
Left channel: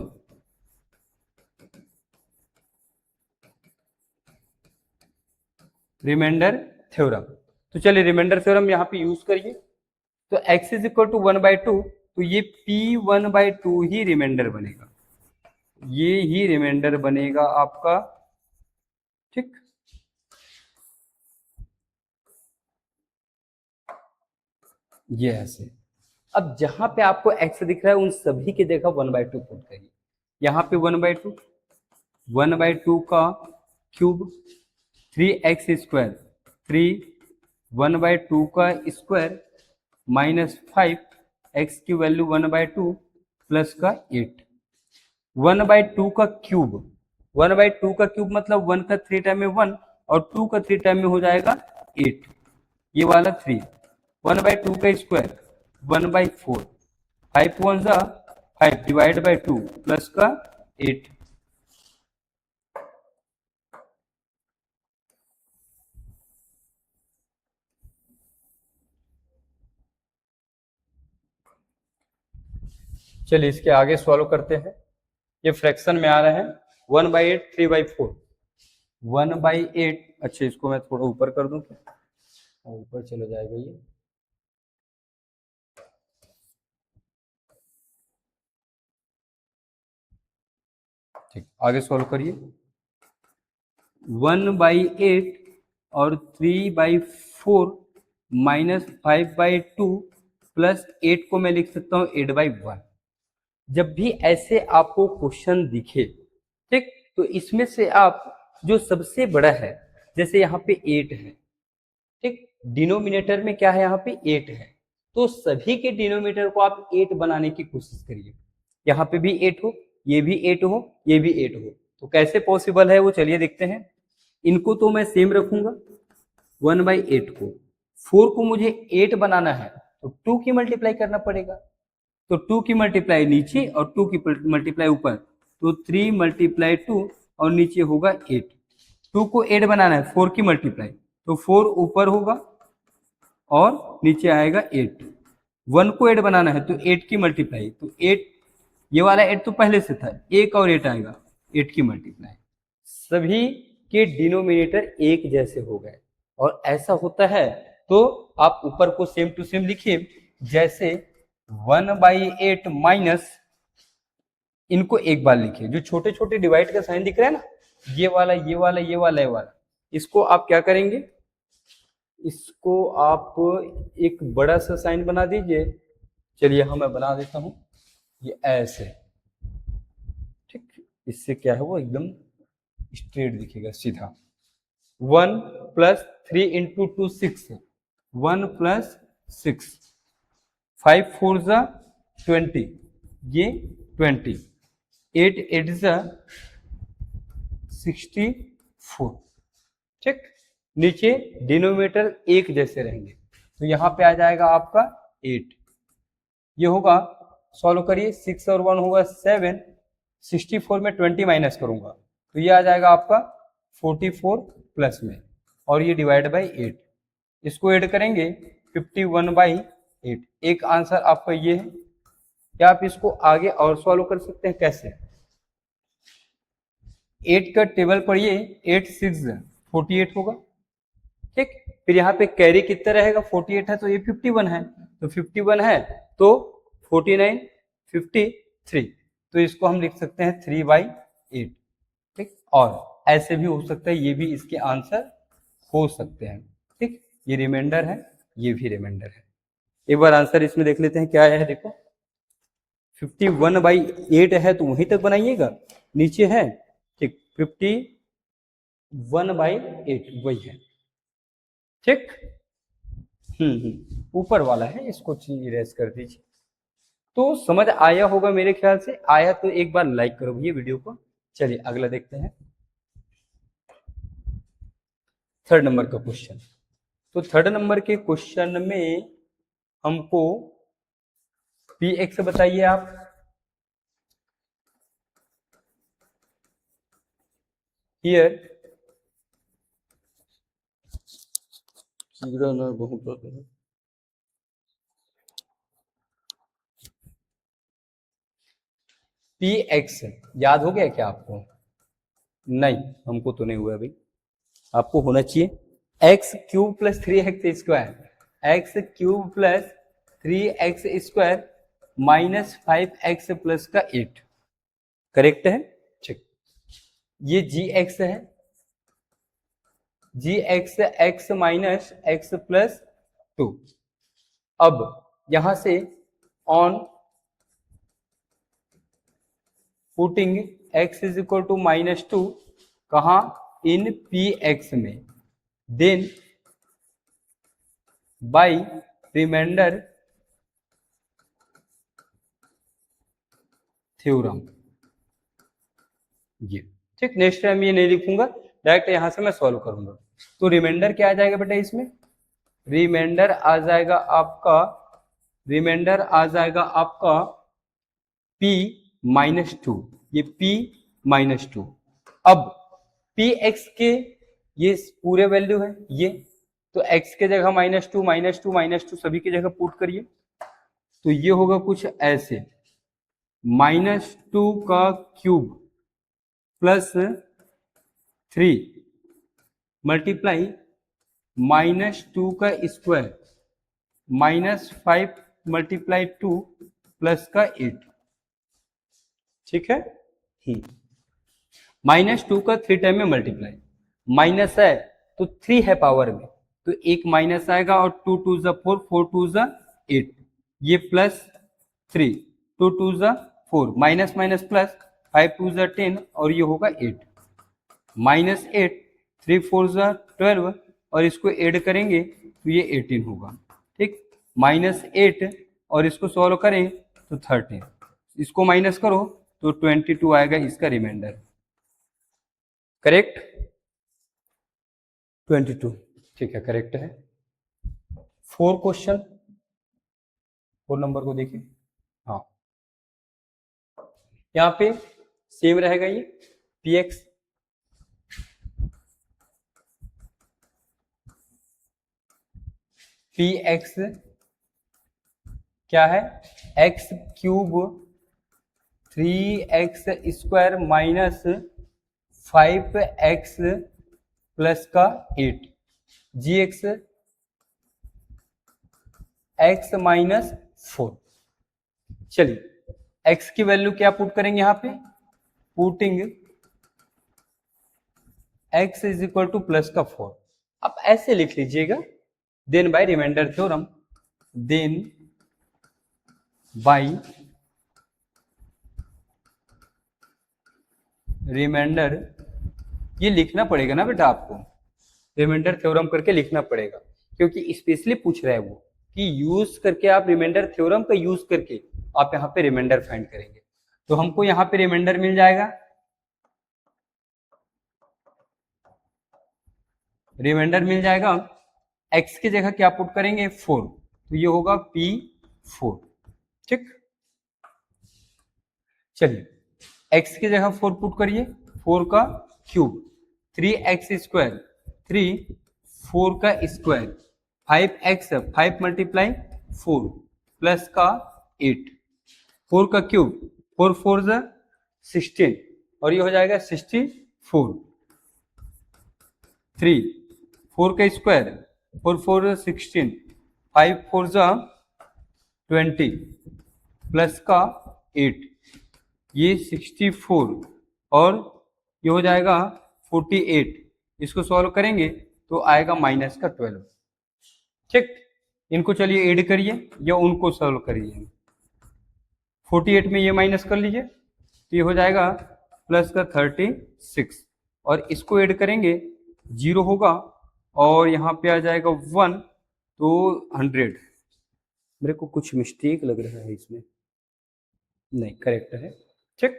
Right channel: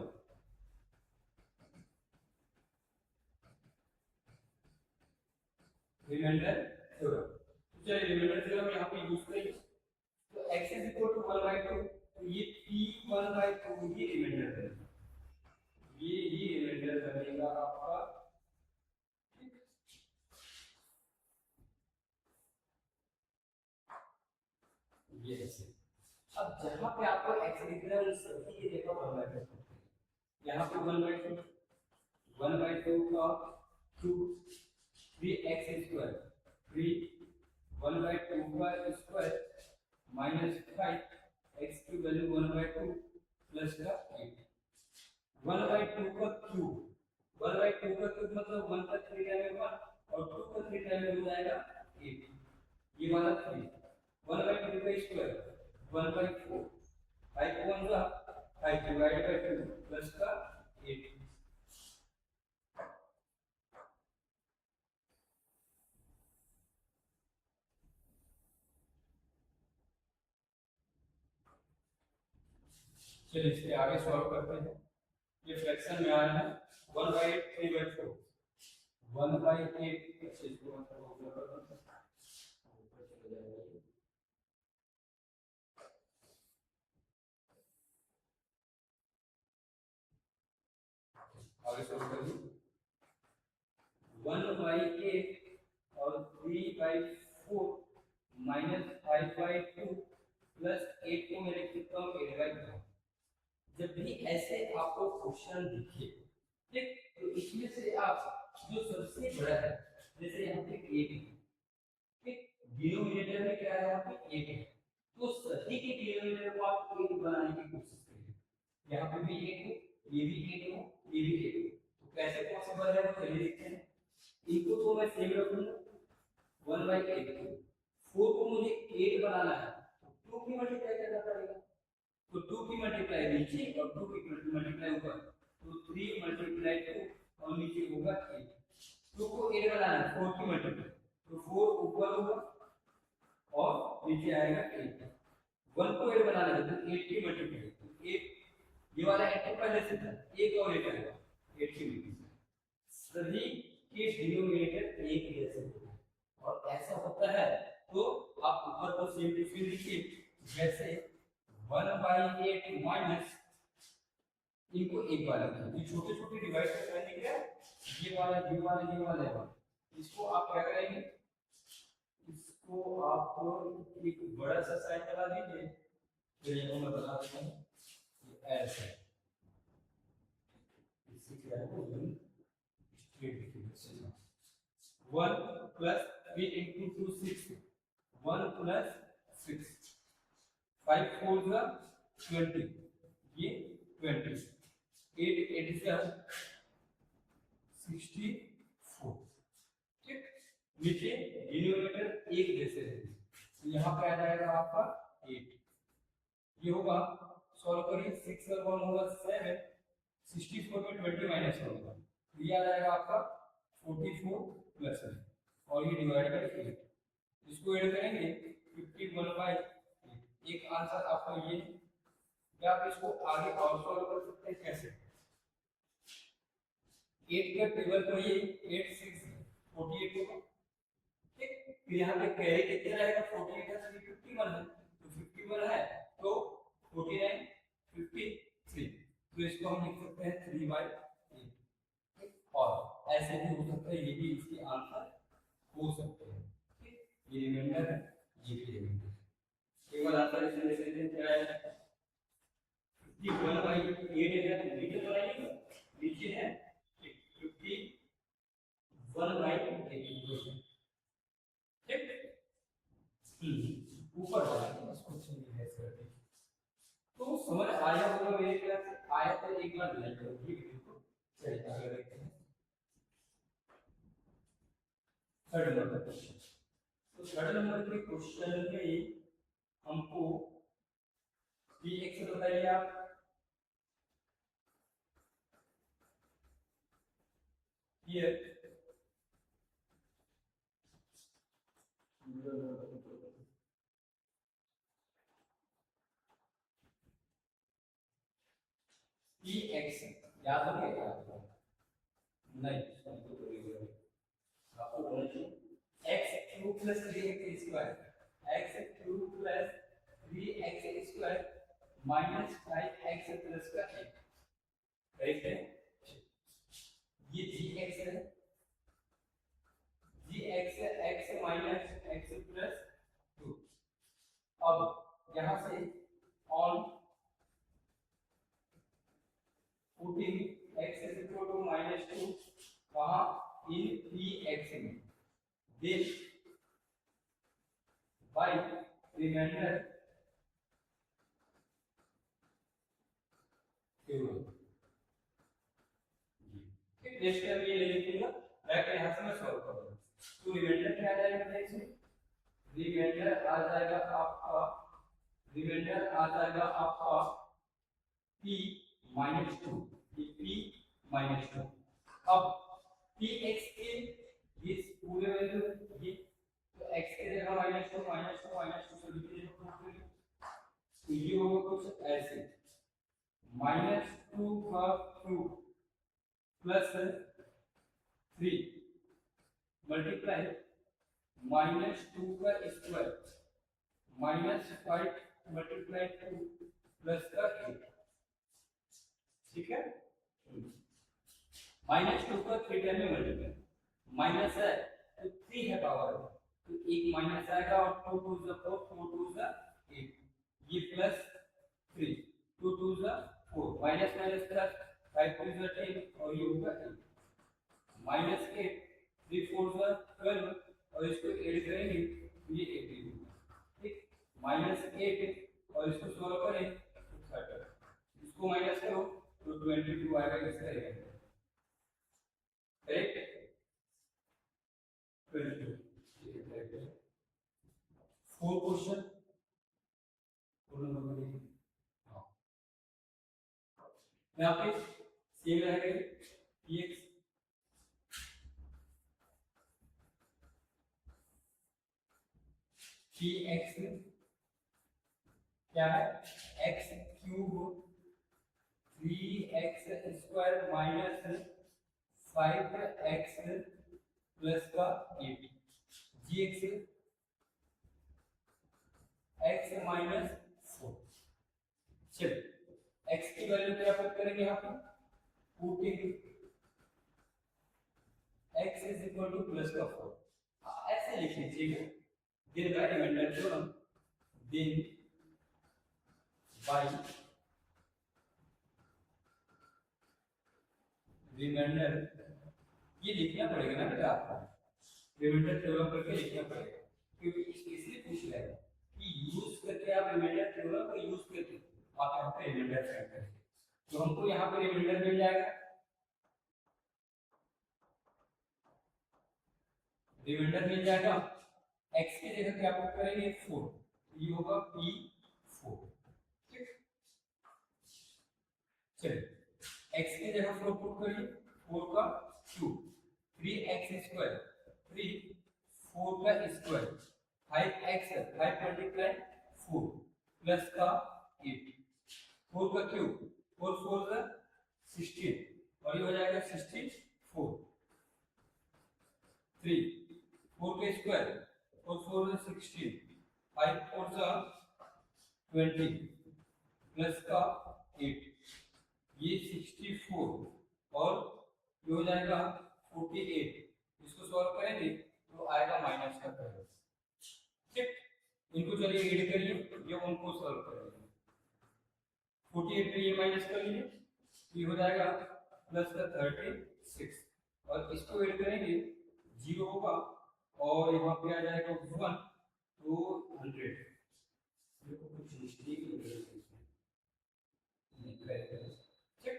तो चलिए रिमाइंडर थ्योरम यहाँ पे यूज करिए, तो x इज इक्वल टू 1/2, तो ये p 1/2 ही रिमाइंडर बनेगा, ये ही रिमाइंडर बनेगा आपका, ठीक, ये ऐसे। अब जहां पे आपको x दिख रहा है उन सभी की जगह 1/2 पुट करिए, यहाँ पे 1/2 का क्यूब 3x² 3 1/2 का स्क्वायर -5 x की वैल्यू 1/2 प्लस का 8, 1/2 का क्यूब, 1/2 का क्यूब मतलब 1 का 3 टाइम में 1 और 2 का 3 टाइम में हो जाएगा 8, ये वाला 3, 1/2 का स्क्वायर 1/4, 5 1 5 डिवाइड बाई 2 प्लस का 8, चलिए इसके आगे सॉल्व करते हैं, ये फ्रैक्शन में आ रहे हैं 1/8 3/4, 1/8, अच्छा इसको मैं थोड़ा ऊपर कर दूं क्या, ऊपर चला जाएगा ये, ठीक, आगे सॉल्व करिए, 1/8 और 3/4 -5/2 प्लस 8 को मैं लिख सकता हूँ 8/1। जब भी ऐसे आपको क्वेश्चन दिखे, ठीक, तो इसमें से आप जो सबसे बड़ा है, जैसे यहाँ पे 8 है, ठीक, डिनोमिनेटर में क्या है यहाँ पे 8 है, तो सभी के डिनोमिनेटर को आप 8 बनाने की कोशिश करिए, यहाँ पे भी 8 हो, ये भी 8 हो, ये भी 8 हो, तो कैसे पॉसिबल है वो चलिए देखते हैं। इनको तो मैं सेम रखूंगा 1/8 को, 4 को मुझे 8 बनाना है तो 2 की मल्टीप्लाई करना पड़ेगा, तो 2 की मल्टीप्लाई नीचे और 2 की मल्टीप्लाई ऊपर, तो 3 × 2 और नीचे होगा 8, 2 को 8 बनाना है 4 की मल्टीप्लाई, तो 4 ऊपर होगा और नीचे आएगा 8, 1 को 8 बनाना है तो 8 की मल्टीप्लाई, तो 8, ये वाला 8 तो पहले से था, 1 और 8 आएगा, 8 की मल्टीप्लाई, सभी के डिनोमिनेटर एक जैसे हो गए, और ऐसा होता है तो आप ऊपर को सेम टू सेम लिखिए, जैसे 1/8 माइनस इनको एक बार लिखिए। जो छोटे छोटे डिवाइड का साइन दिख रहा है ना, ये वाला ये वाला ये वाला ये वाला, इसको आप क्या करेंगे, इसको आप एक बड़ा सा साइन बना दीजिए। चलिए हम मैं बना देता हूं, ये ऐसे, ठीक। इससे क्या है, वो एकदम स्ट्रेट दिखेगा, सीधा। 1 प्लस 3 इंटू 2 6, 1 प्लस 6, 5 4 जा 20, ये 20, 8 8 जा 64, ठीक। नीचे डिनोमिनेटर एक जैसे रहेंगे, तो यहां पे आ जाएगा आपका 8, ये होगा, सॉल्व करिए, 6 और 1 होगा 7, 64 में 20 माइनस करूंगा तो ये आ जाएगा आपका 44 प्लस में, और ये डिवाइड बाई 8, इसको ऐड करेंगे 51/8। एक आंसर आपका ये है। क्या आप इसको आगे और सॉल्व कर सकते हैं? कैसे? 8 का टेबल पढ़िए, 8 6 48 होगा, ठीक। फिर यहाँ पे कैरी कितना रहेगा, 48 है तो ये 51 है, तो 51 है तो 49 53, तो इसको हम लिख सकते हैं 3/8, ठीक। और ऐसे भी हो सकता है, ये भी इसके आंसर हो सकते हैं, ठीक। ये रिमाइंडर है, ये भी रिमाइंडर है। एक बार आंसर इसमें देख लेते हैं क्या है। देखो 51/8 है तो वहीं तक बनाइएगा, नीचे है, ठीक, 51/8 वही है, ठीक। ऊपर वाला है, इसको इरेज कर दीजिए। तो समझ आया होगा मेरे ख्याल से, आया तो एक बार लाइक करो ये वीडियो को। चलिए अगला देखते हैं, थर्ड नंबर का क्वेश्चन। तो थर्ड नंबर के क्वेश्चन में हमको पी एक्स बताइए आप। हियर बहुत पी एक्स याद हो गया क्या आपको? नहीं, हमको तो नहीं हुआ भाई, आपको होना चाहिए। X cube plus 3x square, X cube plus 3x square minus 5x plus का 8, करेक्ट है, ठीक। ये जी एक्स है, जी x X minus X plus 2। अब यहां से on putting x is equal to -2 कहा, इन पी एक्स में, देन बाई रिमाइंडर थ्योरम, ये ठीक। नेक्स्ट टाइम ये नहीं लिखूंगा, डायरेक्ट यहां से मैं सॉल्व करूंगा। तो रिमाइंडर क्या आ जाएगा बेटा इसमें? रिमाइंडर आ जाएगा आपका, रिमाइंडर आ जाएगा आपका p-2, ये p-2। अब px के ये पूरे वैल्यू है ये, तो x के जगह -2 -2 -2 सभी की जगह पुट करिए, तो ये होगा कुछ ऐसे, -2 का क्यूब प्लस 3 मल्टीप्लाई -2 का स्क्वायर -5 मल्टीप्लाई 2 प्लस का 8, ठीक है। -2 का 3 टाइम में मल्टीप्लाई, माइनस है तो 3 है पावर में, तो एक माइनस आएगा, और 2 2 जा 4, 4 2 जा 8, ये प्लस 3, 2 2 जा 4, माइनस माइनस प्लस, 5 2 जा 10, और ये होगा 8, -8, 3 4 जा 12, और इसको ऐड करेंगे तो ये 18 होगा, ठीक। -8 और इसको सॉल्व करें तो 13, इसको माइनस करो तो 22 आएगा इसका रिमाइंडर, करेक्ट, 22, ठीक है, करेक्ट है। 4 क्वेश्चन, 4 नंबर को देखिए, हाँ यहाँ पे सेम रहेगा ये पी एक्स, पी एक्स क्या है, x cube 3x square minus 5x plus का 8, जी एक्स x माइनस 4। चलिए x की वैल्यू क्या पुट करेंगे यहाँ पे, putting x is equal to plus का 4। आप ऐसे लिख लीजिएगा, then by remainder theorem, then by remainder, ये लिखना पड़ेगा ना बेटा आपको, रिमाइंडर थ्योरम करके लिखना पड़ेगा, क्योंकि स्पेशली पूछ रहा है वो कि यूज करके आप रिमाइंडर थ्योरम का यूज करके आप यहाँ पे रिमाइंडर फाइंड करेंगे। तो हमको यहाँ पे रिमाइंडर मिल जाएगा, रिमाइंडर मिल जाएगा, x की जगह क्या पुट करेंगे 4, तो ये होगा p4। ठीक, चलिए x की जगह 4 पुट करिए, 4 का क्यूब, 3x स्क्वायर, 3 4 का स्क्वायर, 5x 5 मल्टीप्लाई 4 प्लस का 8, 4 का क्यूब, 4 4 16 और ये हो जाएगा 64, 3 4 का स्क्वायर, 4 4 16, 5 4 20 प्लस का 8, ये 64 और ये हो जाएगा 48, इसको सॉल्व करेंगे तो आएगा माइनस का 12। ठीक, इनको चलिए ऐड करिए या उनको सॉल्व करिए, 48 में ये माइनस कर लीजिए तो ये हो जाएगा प्लस का 36 और इसको ऐड करेंगे 0 होगा और यहाँ पे आ जाएगा 1 तो 100। मेरे को कुछ मिस्टेक लग रहा है इसमें, नहीं करेक्ट है। ठीक,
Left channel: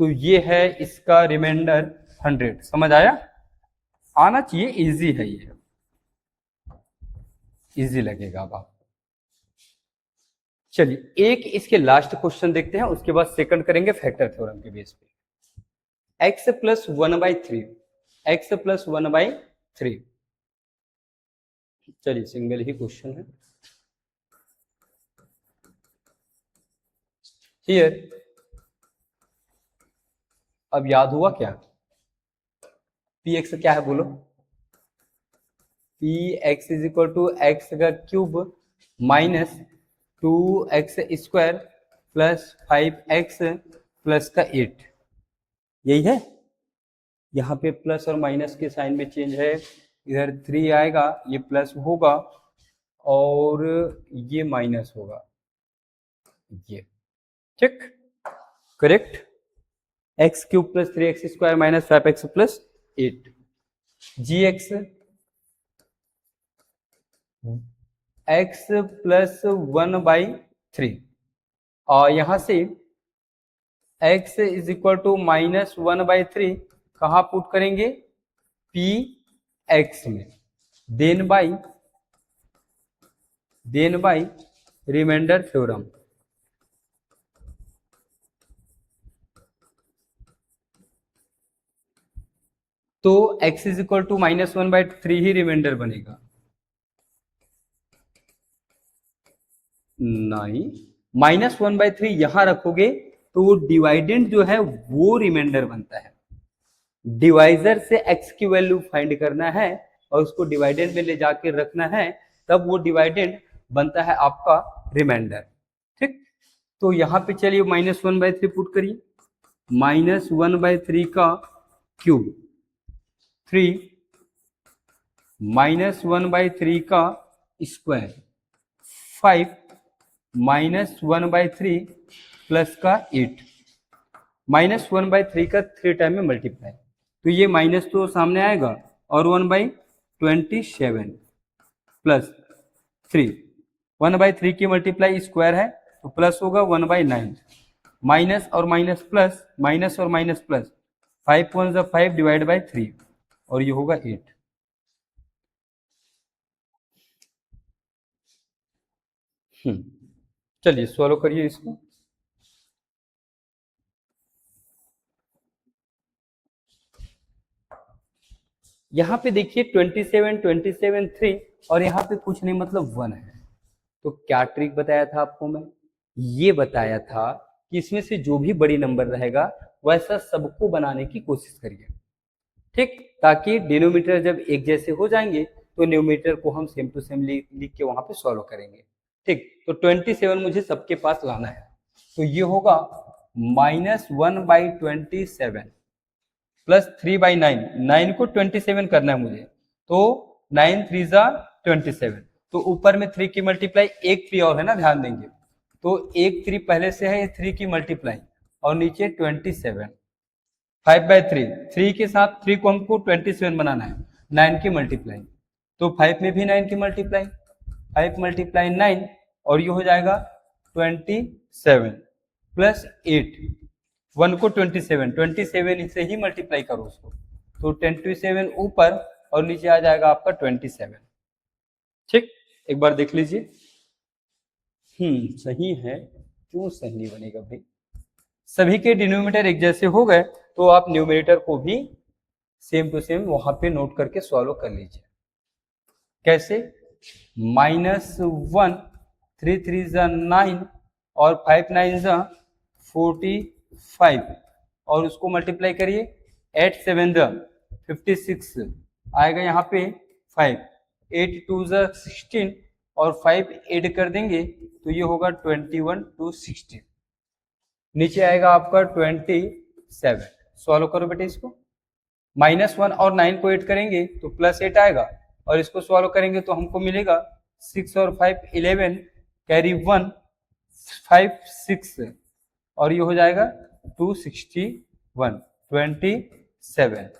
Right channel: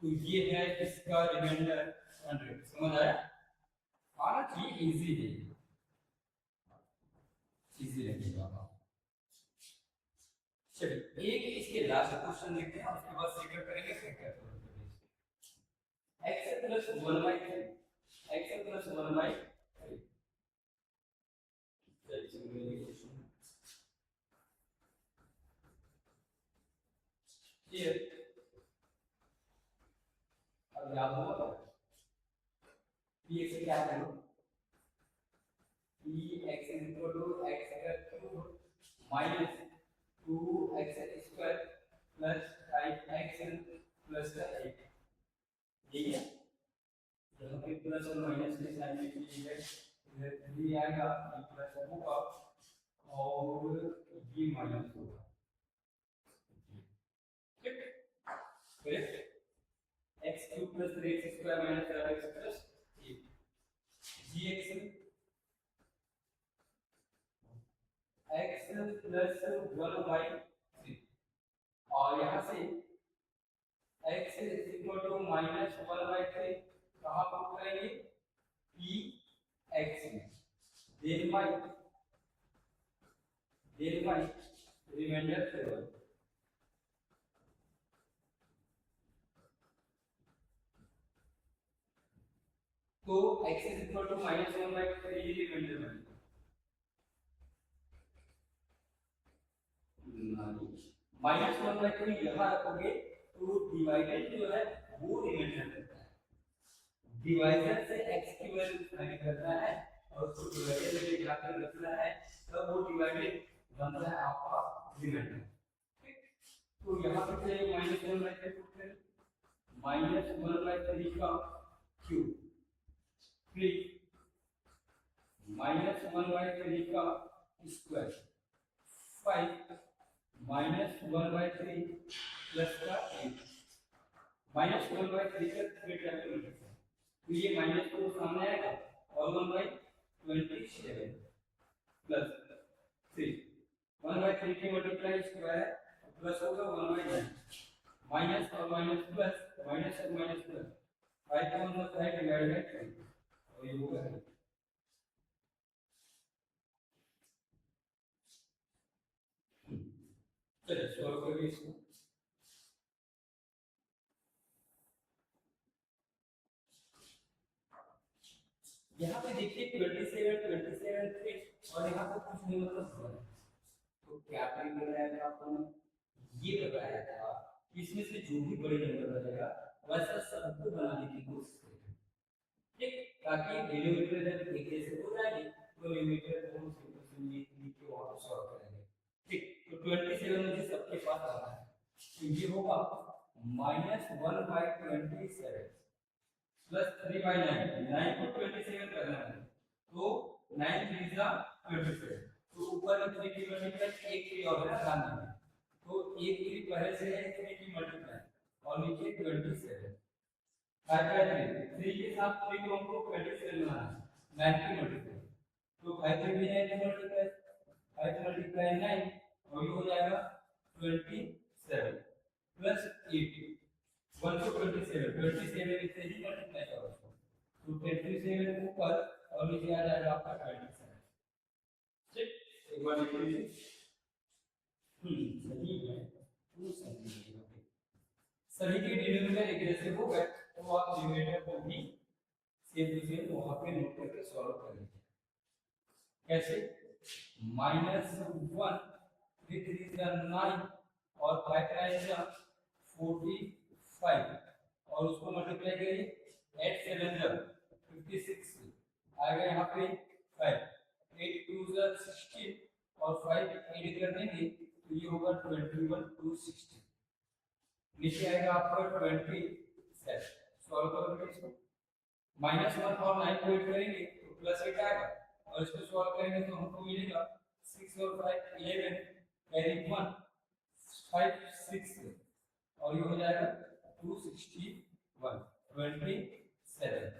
तो ये है इसका रिमाइंडर 100। समझ आया, आना चाहिए, इजी है, ये इजी लगेगा अब आप। चलिए एक इसके लास्ट क्वेश्चन देखते हैं, उसके बाद सेकंड करेंगे फैक्टर थ्योरम के बेस पे। x प्लस 1/3, x प्लस 1/3, चलिए सिंगल ही क्वेश्चन है। हियर, अब याद हुआ क्या, px क्या है बोलो, px is equal to X का cube minus 2x square plus 5x plus का 8, यही है। यहाँ पे प्लस और माइनस के साइन में चेंज है, इधर 3 आएगा, ये प्लस होगा और ये माइनस होगा, ये ठीक correct. X cube plus 3x square minus 5x plus 8, g x x plus 1/3 और यहाँ से x is equal to minus 1/3 कहाँ पुट करेंगे, पी एक्स में, देन बाई रिमाइंडर थ्योरम। तो x is equal to minus 1/3 ही रिमाइंडर बनेगा, नहीं माइनस 1/3 यहां रखोगे तो वो डिवाइडेंड जो है वो रिमाइंडर बनता है। डिवाइजर से x की वैल्यू फाइंड करना है और उसको डिवाइडेंड में ले जाके रखना है, तब वो डिवाइडेंड बनता है आपका रिमाइंडर। ठीक, तो यहाँ पे चलिए माइनस 1/3 पुट करिए, माइनस 1/3 का क्यूब, 3 माइनस 1/3 का स्क्वायर, 5 माइनस 1/3 प्लस का 8, माइनस 1/3 का 3 टाइम में मल्टीप्लाई, तो ये माइनस तो सामने आएगा और 1/27 प्लस 3, 1/3 की मल्टीप्लाई स्क्वायर है तो प्लस होगा 1/9, माइनस और माइनस प्लस, माइनस और माइनस प्लस, 5 1 5 डिवाइड बाई 3 और ये होगा 8। चलिए सॉल्व करिए इसको। यहाँ पे देखिए 27 27 3 और यहाँ पे कुछ नहीं मतलब 1 है। तो क्या ट्रिक बताया था आपको मैं, ये बताया था कि इसमें से जो भी बड़ी नंबर रहेगा वैसा सबको बनाने की कोशिश करिए, ठीक, ताकि डिनोमिनेटर जब एक जैसे हो जाएंगे तो न्यूमरेटर को हम सेम टू सेम लिख के वहां पे सॉल्व करेंगे। ठीक, तो 27 मुझे सबके पास लाना है। तो ये होगा -1/27 प्लस 3/9, 9 को 27 करना है मुझे, तो 9 3 जा 27, तो ऊपर में 3 की मल्टीप्लाई, एक 3 और है ना, ध्यान देंगे, तो एक 3 पहले से है, ये 3 की मल्टीप्लाई और नीचे 27, 5/3, 3 के साथ 3 को हमको 27 बनाना है, 9 की मल्टीप्लाई, तो 5 में भी 9 की मल्टीप्लाई, 5 × 9 और ये हो जाएगा 27 प्लस 8, 1 को 27 से ही मल्टीप्लाई करो उसको, तो 27 ऊपर और नीचे आ जाएगा आपका 27। ठीक, एक बार देख लीजिए। सही है, क्यों सही नहीं बनेगा भाई? सभी के डिनोमिनेटर एक जैसे हो गए तो आप न्यूमरेटर को भी सेम टू सेम वहां पे नोट करके सॉल्व कर लीजिए। कैसे? -1, 3 3 जा 9 और 5 9 जा 45 और उसको मल्टीप्लाई करिए, 8 7 जा 56 आएगा यहाँ पे 5, 8 2 जा 16 और 5 ऐड कर देंगे तो ये होगा 21 2 16, नीचे आएगा आपका 27। सॉल्व करो बेटे इसको, -1 और 9 को ऐड करेंगे तो +8 आएगा और इसको सॉल्व करेंगे तो हमको मिलेगा 6 और 5 11, कैरी 1 5 6 और ये हो जाएगा 261 27,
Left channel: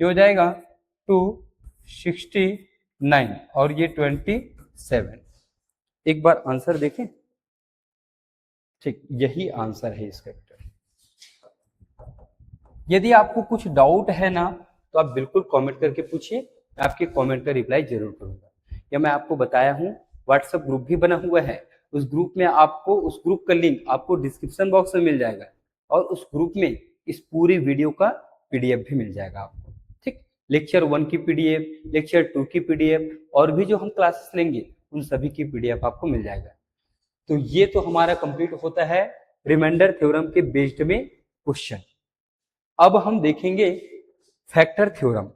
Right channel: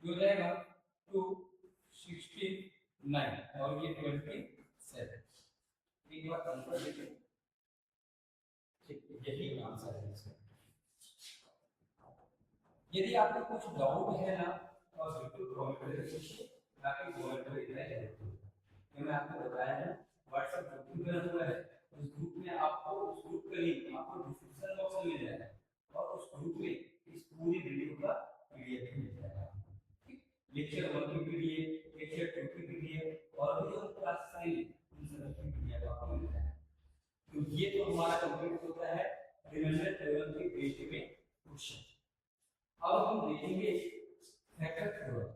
ये हो जाएगा 269 और ये 27। एक बार आंसर देखें। ठीक, यही आंसर है इसका। यदि आपको कुछ डाउट है ना तो आप बिल्कुल कमेंट करके पूछिए, मैं आपके कमेंट का रिप्लाई जरूर करूंगा। या मैं आपको बताया हूँ व्हाट्सएप ग्रुप भी बना हुआ है, उस ग्रुप में आपको, उस ग्रुप का लिंक आपको डिस्क्रिप्शन बॉक्स में मिल जाएगा और उस ग्रुप में इस पूरी वीडियो का पीडीएफ भी मिल जाएगा आपको। ठीक, लेक्चर 1 की पीडीएफ, लेक्चर 2 की पीडीएफ और भी जो हम क्लासेस लेंगे उन सभी की पीडीएफ आपको मिल जाएगा। तो ये तो हमारा कंप्लीट होता है रिमाइंडर थ्योरम के बेस्ड में क्वेश्चन। अब हम देखेंगे फैक्टर थ्योरम।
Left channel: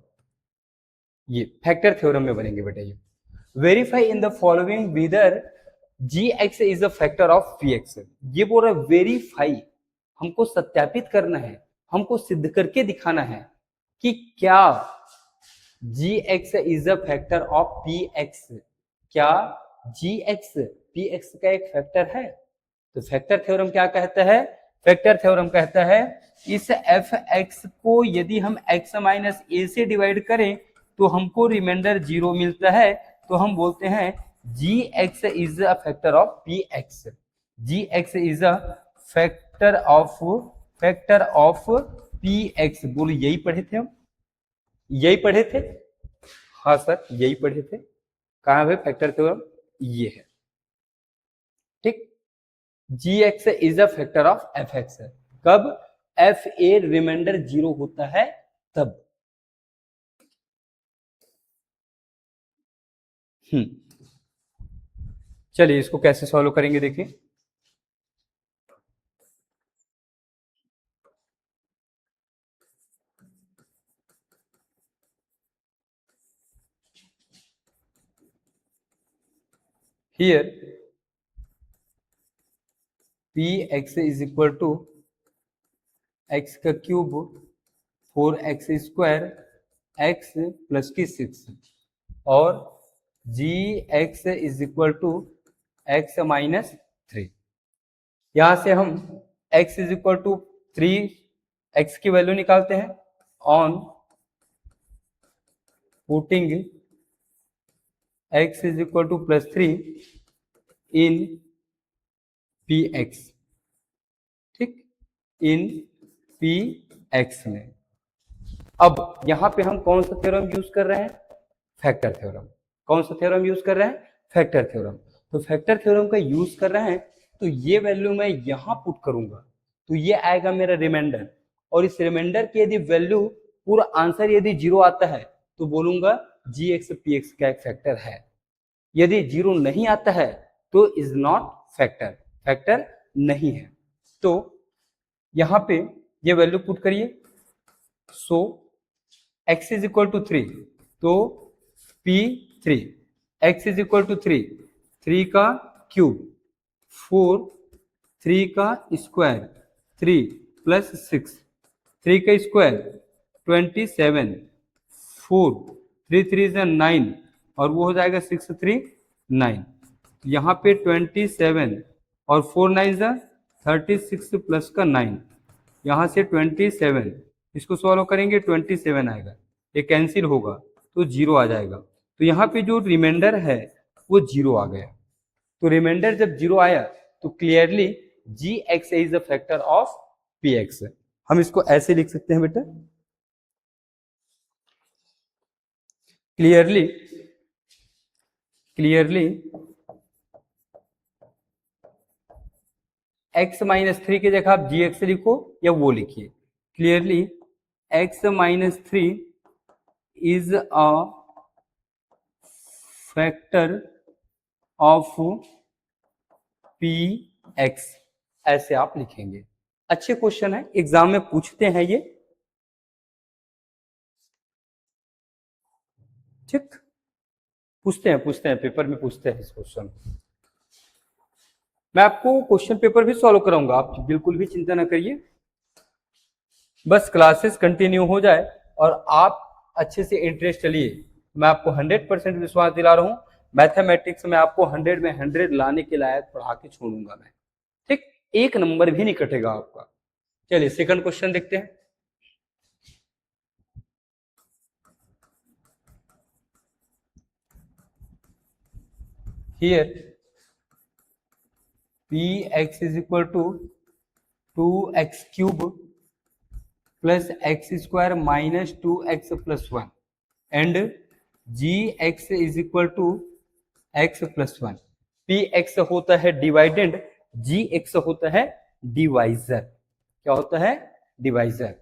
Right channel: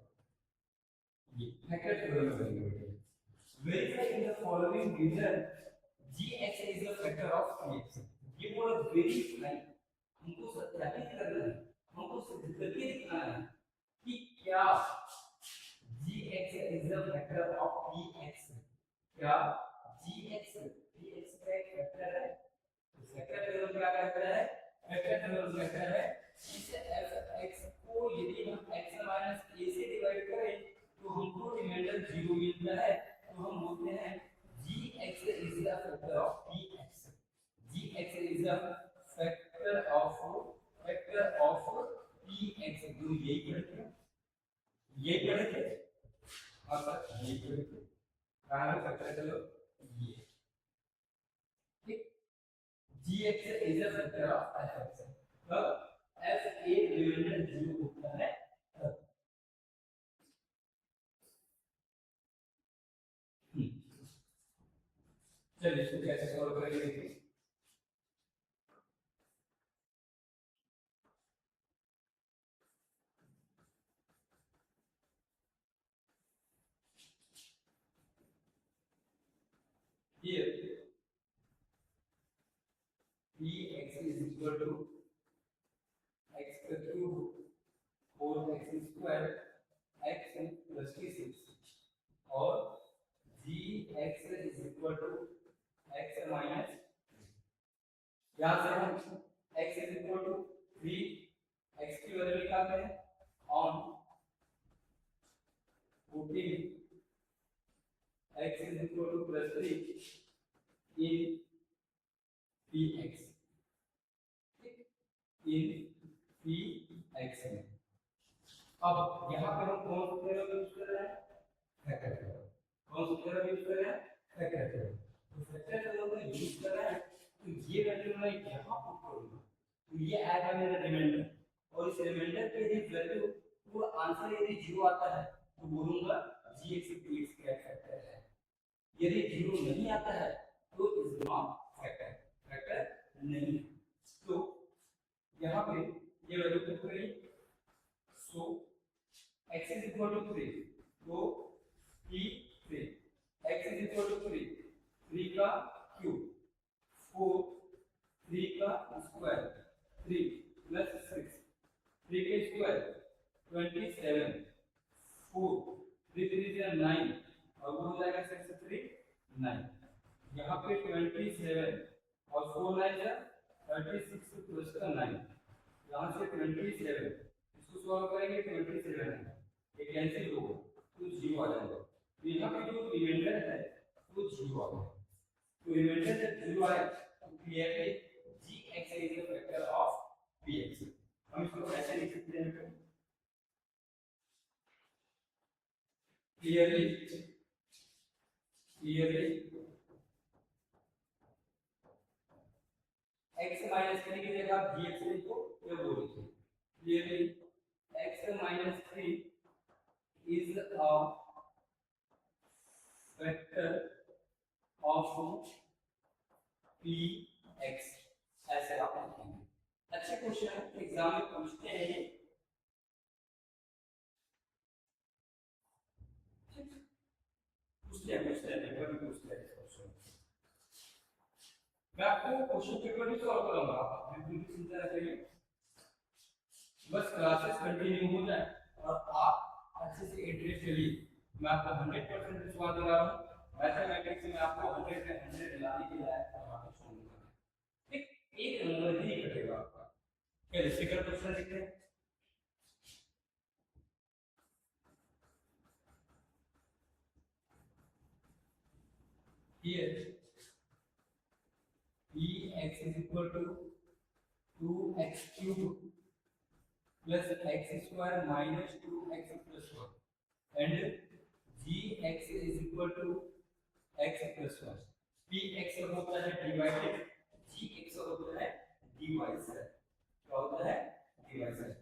ये फैक्टर थ्योरम में बनेंगे बेटा। ये verify in the following whether gx is the factor of px। ये बोल रहा है वेरीफाई, हमको सत्यापित करना है, हमको सिद्ध करके दिखाना है कि क्या gx is the factor of px, क्या gx px का एक फैक्टर है। तो फैक्टर थ्योरम क्या कहता है? फैक्टर थ्योरम कहता है इस f(x) को यदि हम x माइनस a से डिवाइड करें तो हमको रिमाइंडर 0 मिलता है, तो हम बोलते हैं gx is a factor of px। gx is a factor of px। बोलो यही पढ़े थे हम, यही पढ़े थे? हाँ सर यही पढ़े थे। कहाँ है फैक्टर थ्योरम? ये है। ठीक, gx is a factor of fx। कब? fa रिमाइंडर 0 होता है तब। चलिए इसको कैसे सॉल्व करेंगे देखिए। Here px is equal to x का cube 4x square x plus की 6 और gx is equal to x minus 3। यहां से हम x is equal to 3, x की वैल्यू निकालते हैं on putting x is equal to +3 in px। ठीक, इन px में। अब यहां पे हम कौन सा थ्योरम यूज कर रहे हैं? Factor theorem. कौन सा थ्योरम यूज कर रहे हैं? Factor theorem. तो फैक्टर थ्योरम का यूज कर रहे हैं तो ये वैल्यू मैं यहां पुट करूंगा तो ये आएगा मेरा रिमाइंडर, और इस रिमाइंडर की यदि वैल्यू पूरा आंसर यदि 0 आता है तो बोलूंगा gx px का एक फैक्टर है। यदि 0 नहीं आता है तो इज नॉट फैक्टर, फैक्टर नहीं है। तो यहां पे ये वैल्यू पुट करिए। सो x इज इक्वल टू 3 तो p3, x is equal to 3, 3 का क्यूब 4 3 का स्क्वायर 3 प्लस 6, 3 का स्क्वायर 27, 4 3 3 is 9 और वो हो जाएगा 6 3 9। यहाँ पे 27 और 4 9 is 36 प्लस का 9, यहाँ से 27, इसको सॉल्व करेंगे 27 आएगा, ये कैंसिल होगा तो जीरो आ जाएगा। तो यहाँ पे जो रिमाइंडर है वो जीरो आ गया। तो रिमाइंडर जब जीरो आया तो clearly g x is the factor of P x. हम इसको ऐसे लिख सकते हैं बेटा, क्लियरली x माइनस 3 की जगह आप जी एक्स लिखो या वो लिखिए, clearly x minus 3 is a factor of P x, ऐसे आप लिखेंगे। अच्छे क्वेश्चन है, एग्जाम में पूछते हैं ये, ठीक, पूछते हैं पेपर में पूछते हैं इस क्वेश्चन। मैं आपको क्वेश्चन पेपर भी सॉल्व कराऊंगा, आप बिल्कुल भी चिंता ना करिए, बस क्लासेस कंटिन्यू हो जाए और आप अच्छे से इंटरेस्ट लिए। मैं आपको 100% विश्वास दिला रहा हूँ, मैथमेटिक्स में आपको 100 में 100 लाने के लायक पढ़ा के छोड़ूंगा मैं, ठीक, एक नंबर भी नहीं कटेगा आपका। चलिए सेकंड क्वेश्चन देखते हैं। Here px is equal to 2x cube plus x square minus 2x plus 1 and gx is equal to x plus 1। px होता है डिवाइडेंड, gx होता है डिवाइजर। क्या होता है? डिवाइजर।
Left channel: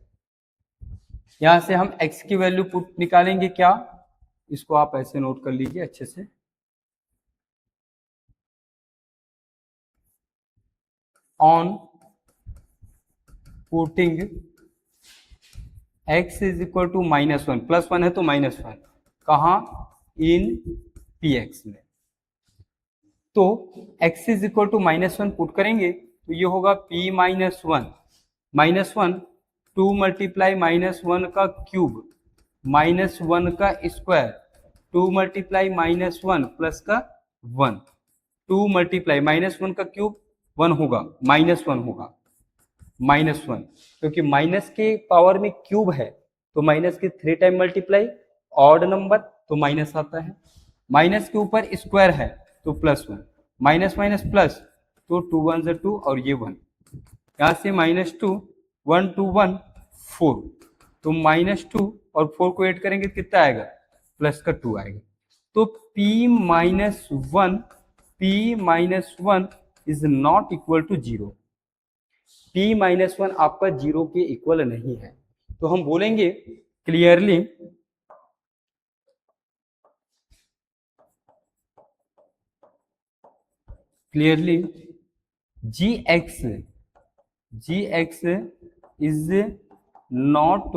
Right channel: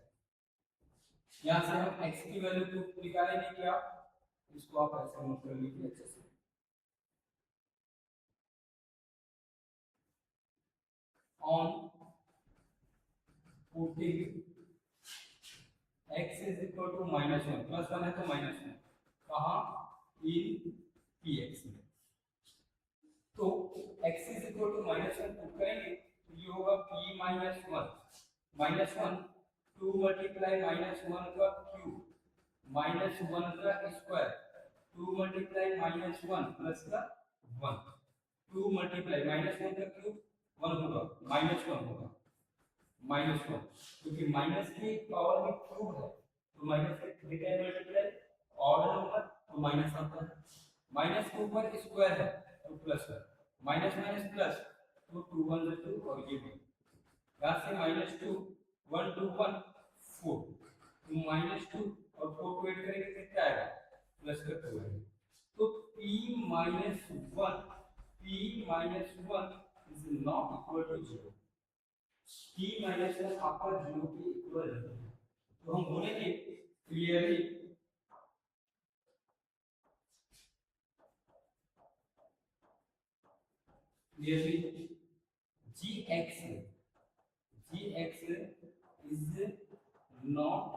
यहां से हम x की वैल्यू पुट निकालेंगे, क्या, इसको आप ऐसे नोट कर लीजिए अच्छे से। On putting x is equal to -1, +1 है तो -1, कहाँ, इन px में। तो x is equal to -1 put करेंगे तो ये होगा p -1 2 मल्टीप्लाई -1 का क्यूब -1 का स्क्वायर 2 मल्टीप्लाई -1 प्लस का 1, 2 मल्टीप्लाई -1 का क्यूब 1 होगा, -1 होगा, -1, क्योंकि माइनस के पावर में क्यूब है तो माइनस के 3 टाइम मल्टीप्लाई, ऑड नंबर तो माइनस आता है, माइनस के ऊपर स्क्वायर है तो +1, माइनस माइनस प्लस तो 2 1 ज़ा 2 और ये 1, यहाँ से -2 1 2 1 4, तो -2 और 4 को ऐड करेंगे कितना आएगा, प्लस का 2 आएगा। तो p-1 is not equal to 0, p-1 आपका 0 के इक्वल नहीं है, तो हम बोलेंगे clearly gx is not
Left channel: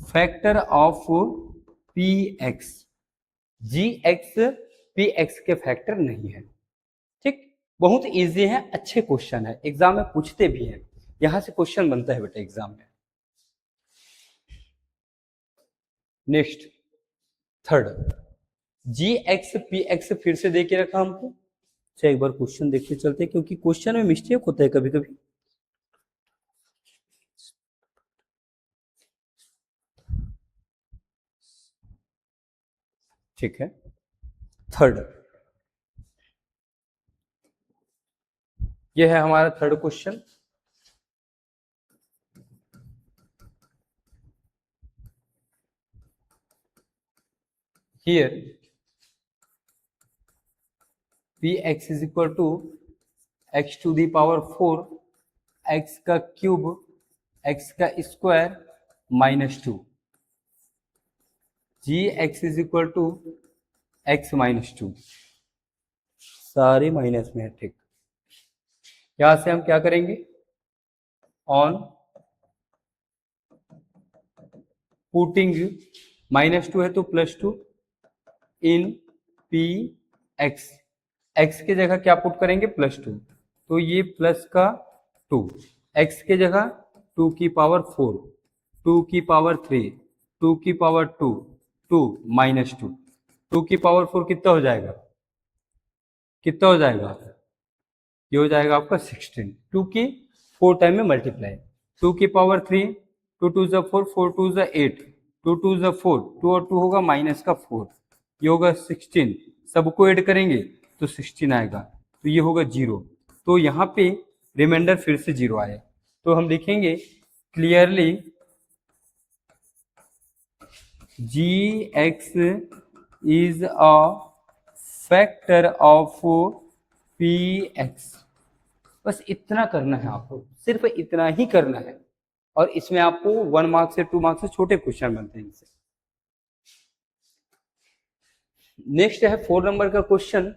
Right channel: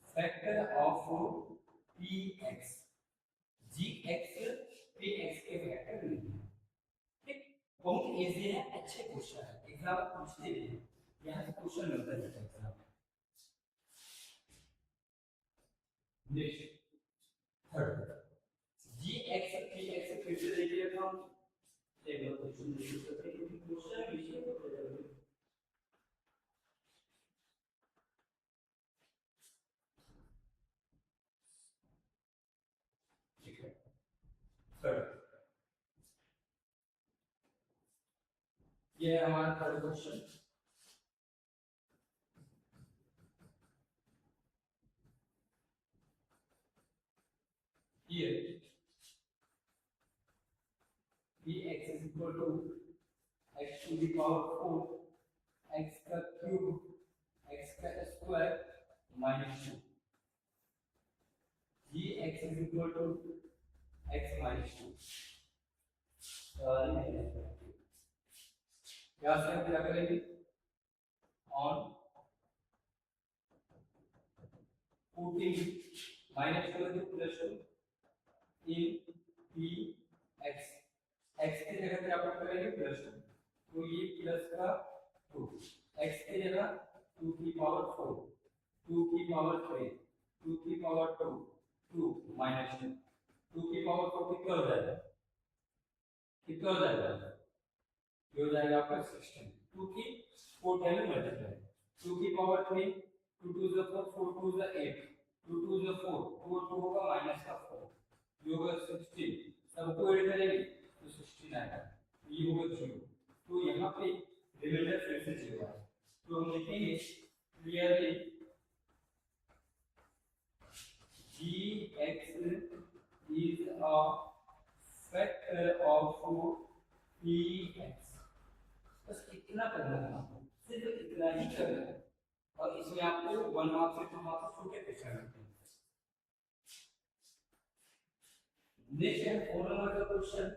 factor of px, gx px के फैक्टर नहीं है, ठीक। बहुत इजी है, अच्छे क्वेश्चन है, एग्जाम में पूछते भी हैं, यहां से क्वेश्चन बनता है बेटा एग्जाम में। नेक्स्ट थर्ड, gx px फिर से दे के रखा हमको, अच्छा एक बार क्वेश्चन देखते चलते, क्योंकि क्वेश्चन में मिस्टेक होता है कभी कभी। ठीक है, थर्ड, ये है हमारा third question. Here px is equal to x to the power 4 x का क्यूब x का square -2, gx is equal to x -2, सारे माइनस में है, ठीक। यहां से हम क्या करेंगे, ऑन पुटिंग -2 है तो +2 इन p x, x की जगह क्या पुट करेंगे, +2, तो ये प्लस का 2, x के जगह 2 की पावर 4, 2 की पावर 3, 2 की पावर 2, 2 माइनस 2, 2 की पावर 4 कितना हो जाएगा, कितना हो जाएगा, ये हो जाएगा आपका 16, 2 की 4 टाइम में मल्टीप्लाई, 2 की पावर 3, 2 2 ज़ा 4, 4 2 ज़ा 8, 2 2 ज़ा 4, 2 और 2 होगा माइनस का 4, ये होगा 16, सबको ऐड करेंगे तो 16 आएगा, तो ये होगा 0, तो यहाँ पे रिमाइंडर फिर से 0 आया, तो हम लिखेंगे clearly gx is a factor of px। बस इतना करना है आपको, सिर्फ इतना ही करना है, और इसमें आपको 1 मार्क से 2 मार्क से छोटे क्वेश्चन बनते हैं इनसे। नेक्स्ट है 4 नंबर का क्वेश्चन।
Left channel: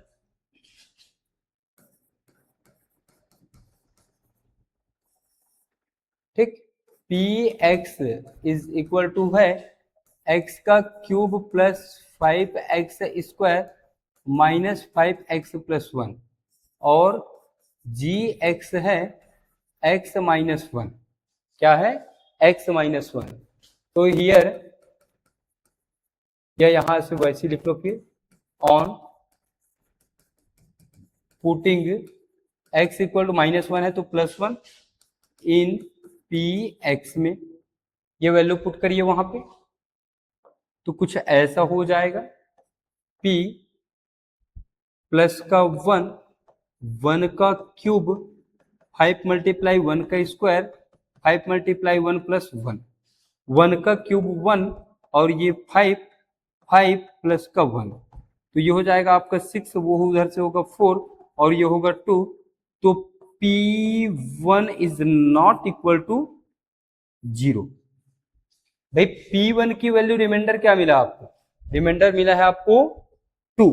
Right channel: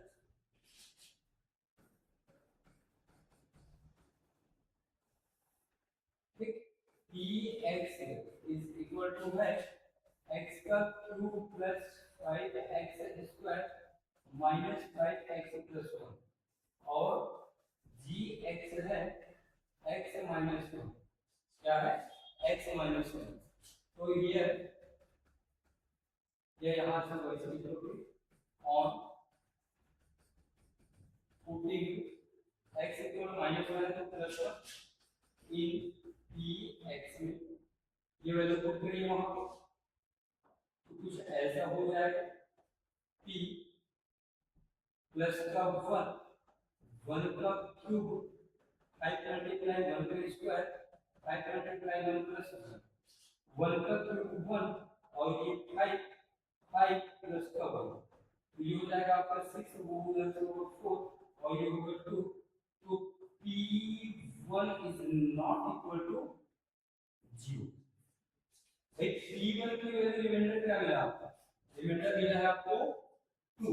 ठीक, p x is equal to है एक्स का cube plus 5x square minus 5x plus 1, और जी एक्स है x माइनस 1, क्या है x माइनस 1, तो हियर या यहां से वैसे लिख लो, फिर on putting x equal to minus 1 है तो प्लस 1 इन पी एक्स में, ये वैल्यू पुट करिए वहां पे, तो कुछ ऐसा हो जाएगा, p प्लस का 1, 1 का क्यूब, 5 मल्टीप्लाई 1 का स्क्वायर, 5 मल्टीप्लाई 1 प्लस 1, 1 का क्यूब 1, और ये 5, 5 प्लस का 1, तो ये हो जाएगा आपका 6, वो उधर से होगा 4, और ये होगा 2, तो P1 is not equal to 0। भाई P1 की वैल्यू रिमाइंडर क्या मिला आपको, रिमाइंडर मिला है आपको 2,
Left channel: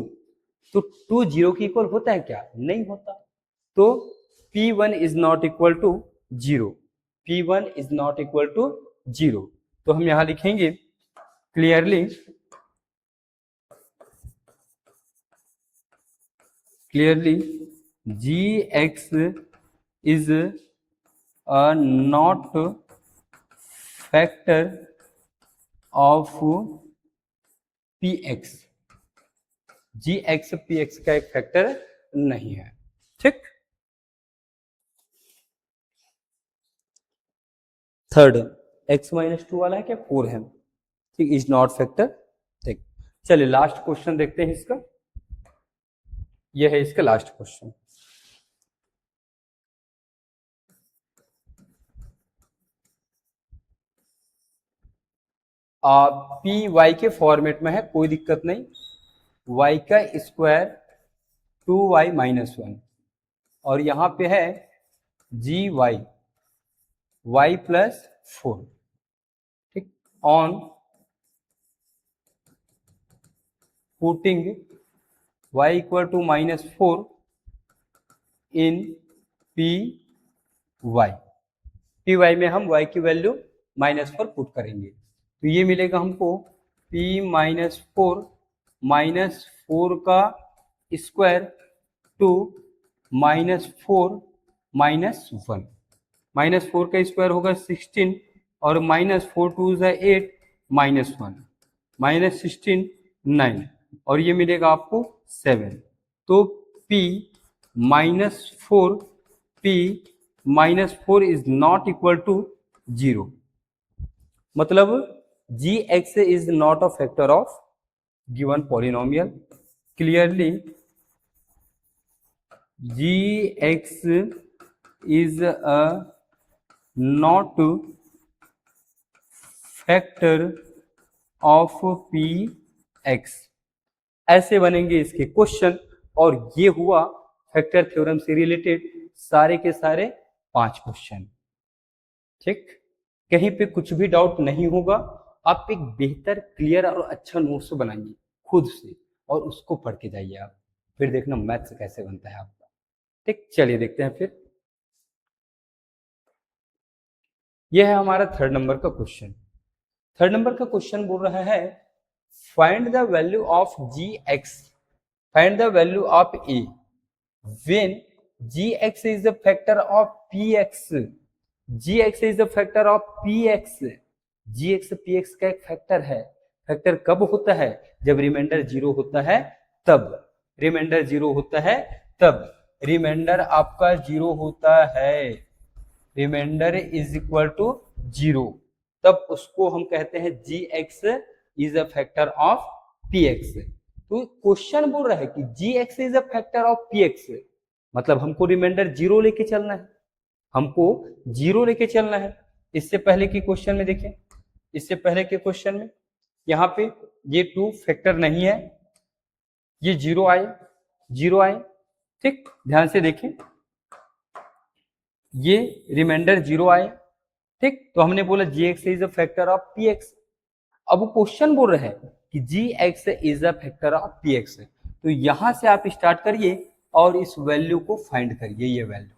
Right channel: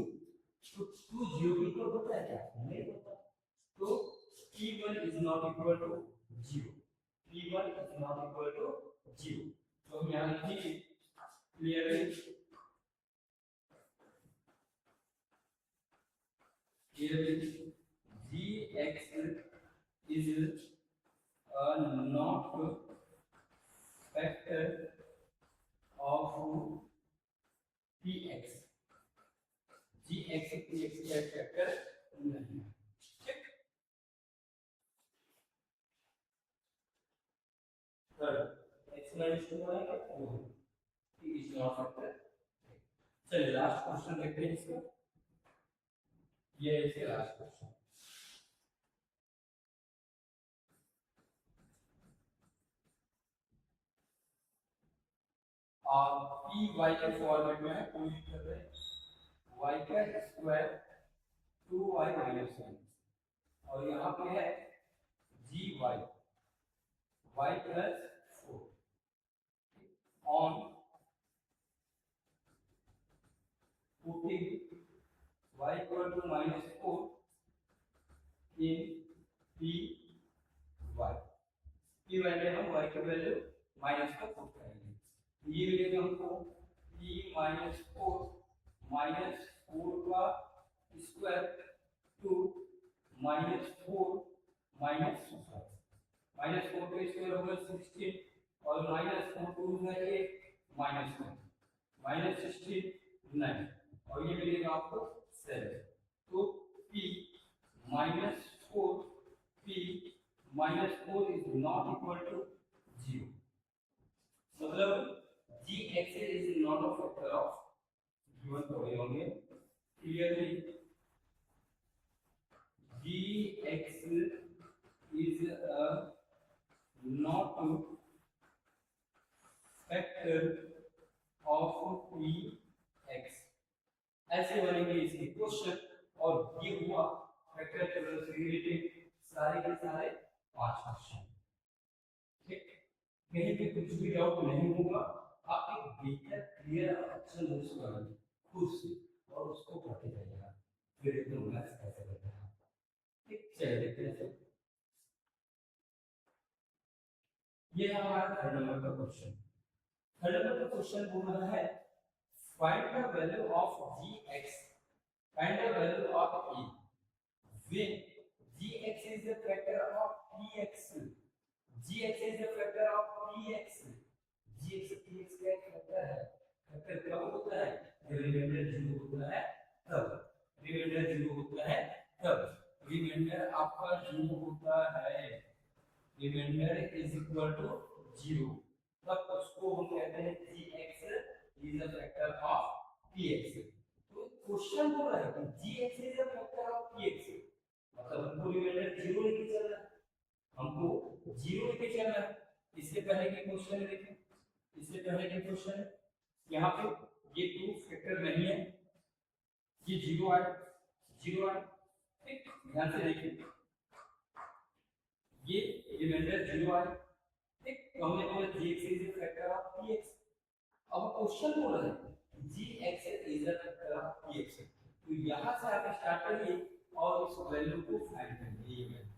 तो 2 0 के इक्वल होता है क्या, नहीं होता, तो P1 is not equal to 0, P1 is not equal to 0, तो हम यहां लिखेंगे clearly gx is a not factor of px, gx px का एक फैक्टर नहीं है। ठीक, थर्ड x माइनस 2 वाला है क्या, 4 है, ठीक, इज नॉट फैक्टर। ठीक, चलिए लास्ट क्वेश्चन देखते हैं इसका, यह है इसका लास्ट क्वेश्चन। पी वाई के फॉर्मेट में है, कोई दिक्कत नहीं, y का स्क्वायर 2y माइनस 1, और यहां पे है जी वाई y प्लस 4, ठीक, on putting y equal to minus 4 in p y में हम y की वैल्यू माइनस 4 पुट करेंगे, तो ये मिलेगा हमको p माइनस 4 का स्क्वायर 2 माइनस 4 माइनस 1, माइनस 4 का स्क्वायर होगा 16, और माइनस 4 2 ज़ा 8 माइनस 1 माइनस 16 9, और ये मिलेगा आपको 7, तो p minus 4 is not equal to 0, मतलब gx is not a factor of given polynomial, clearly gx is a not factor of px, ऐसे बनेंगे इसके क्वेश्चन, और ये हुआ फैक्टर थ्योरम से रिलेटेड सारे के सारे 5 क्वेश्चन। ठीक, कहीं पे कुछ भी डाउट नहीं होगा, आप एक बेहतर क्लियर और अच्छा नोट्स बनाइए खुद से, और उसको पढ़ के जाइए आप, फिर देखना मैथ्स कैसे बनता है आपका। ठीक, चलिए देखते हैं फिर, यह है हमारा थर्ड नंबर का क्वेश्चन। थर्ड नंबर का क्वेश्चन बोल रहा है find the value of g x, find the value of a when g x is the factor of P x, ji x is the factor of P x, ji x p x का एक factor है। Factor कब होता है? जब reminder zero होता है तब, रिमाइंडर जीरो होता है तब, रिमाइंडर आपका जीरो होता है, remainder is equal to zero, तब उसको हम कहते हैं G x is a factor of P X. तो क्वेश्चन बोल रहा है कि G x is a factor of P X, मतलब हमको रिमाइंडर जीरो लेके चलना है, हमको जीरो लेके चलना है। इससे पहले के क्वेश्चन में देखें, इससे पहले के क्वेश्चन में यहाँ पे ये टू फैक्टर नहीं है, ये जीरो आए, जीरो आए, ठीक, ध्यान से देखें, ये रिमाइंडर जीरो आए, ठीक, तो हमने बोला G x is a factor of P X. अब वो क्वेश्चन बोल रहे हैं कि G x is a factor of P X, तो यहां से आप स्टार्ट करिए और इस वैल्यू को फाइंड करिए, ये वैल्यू,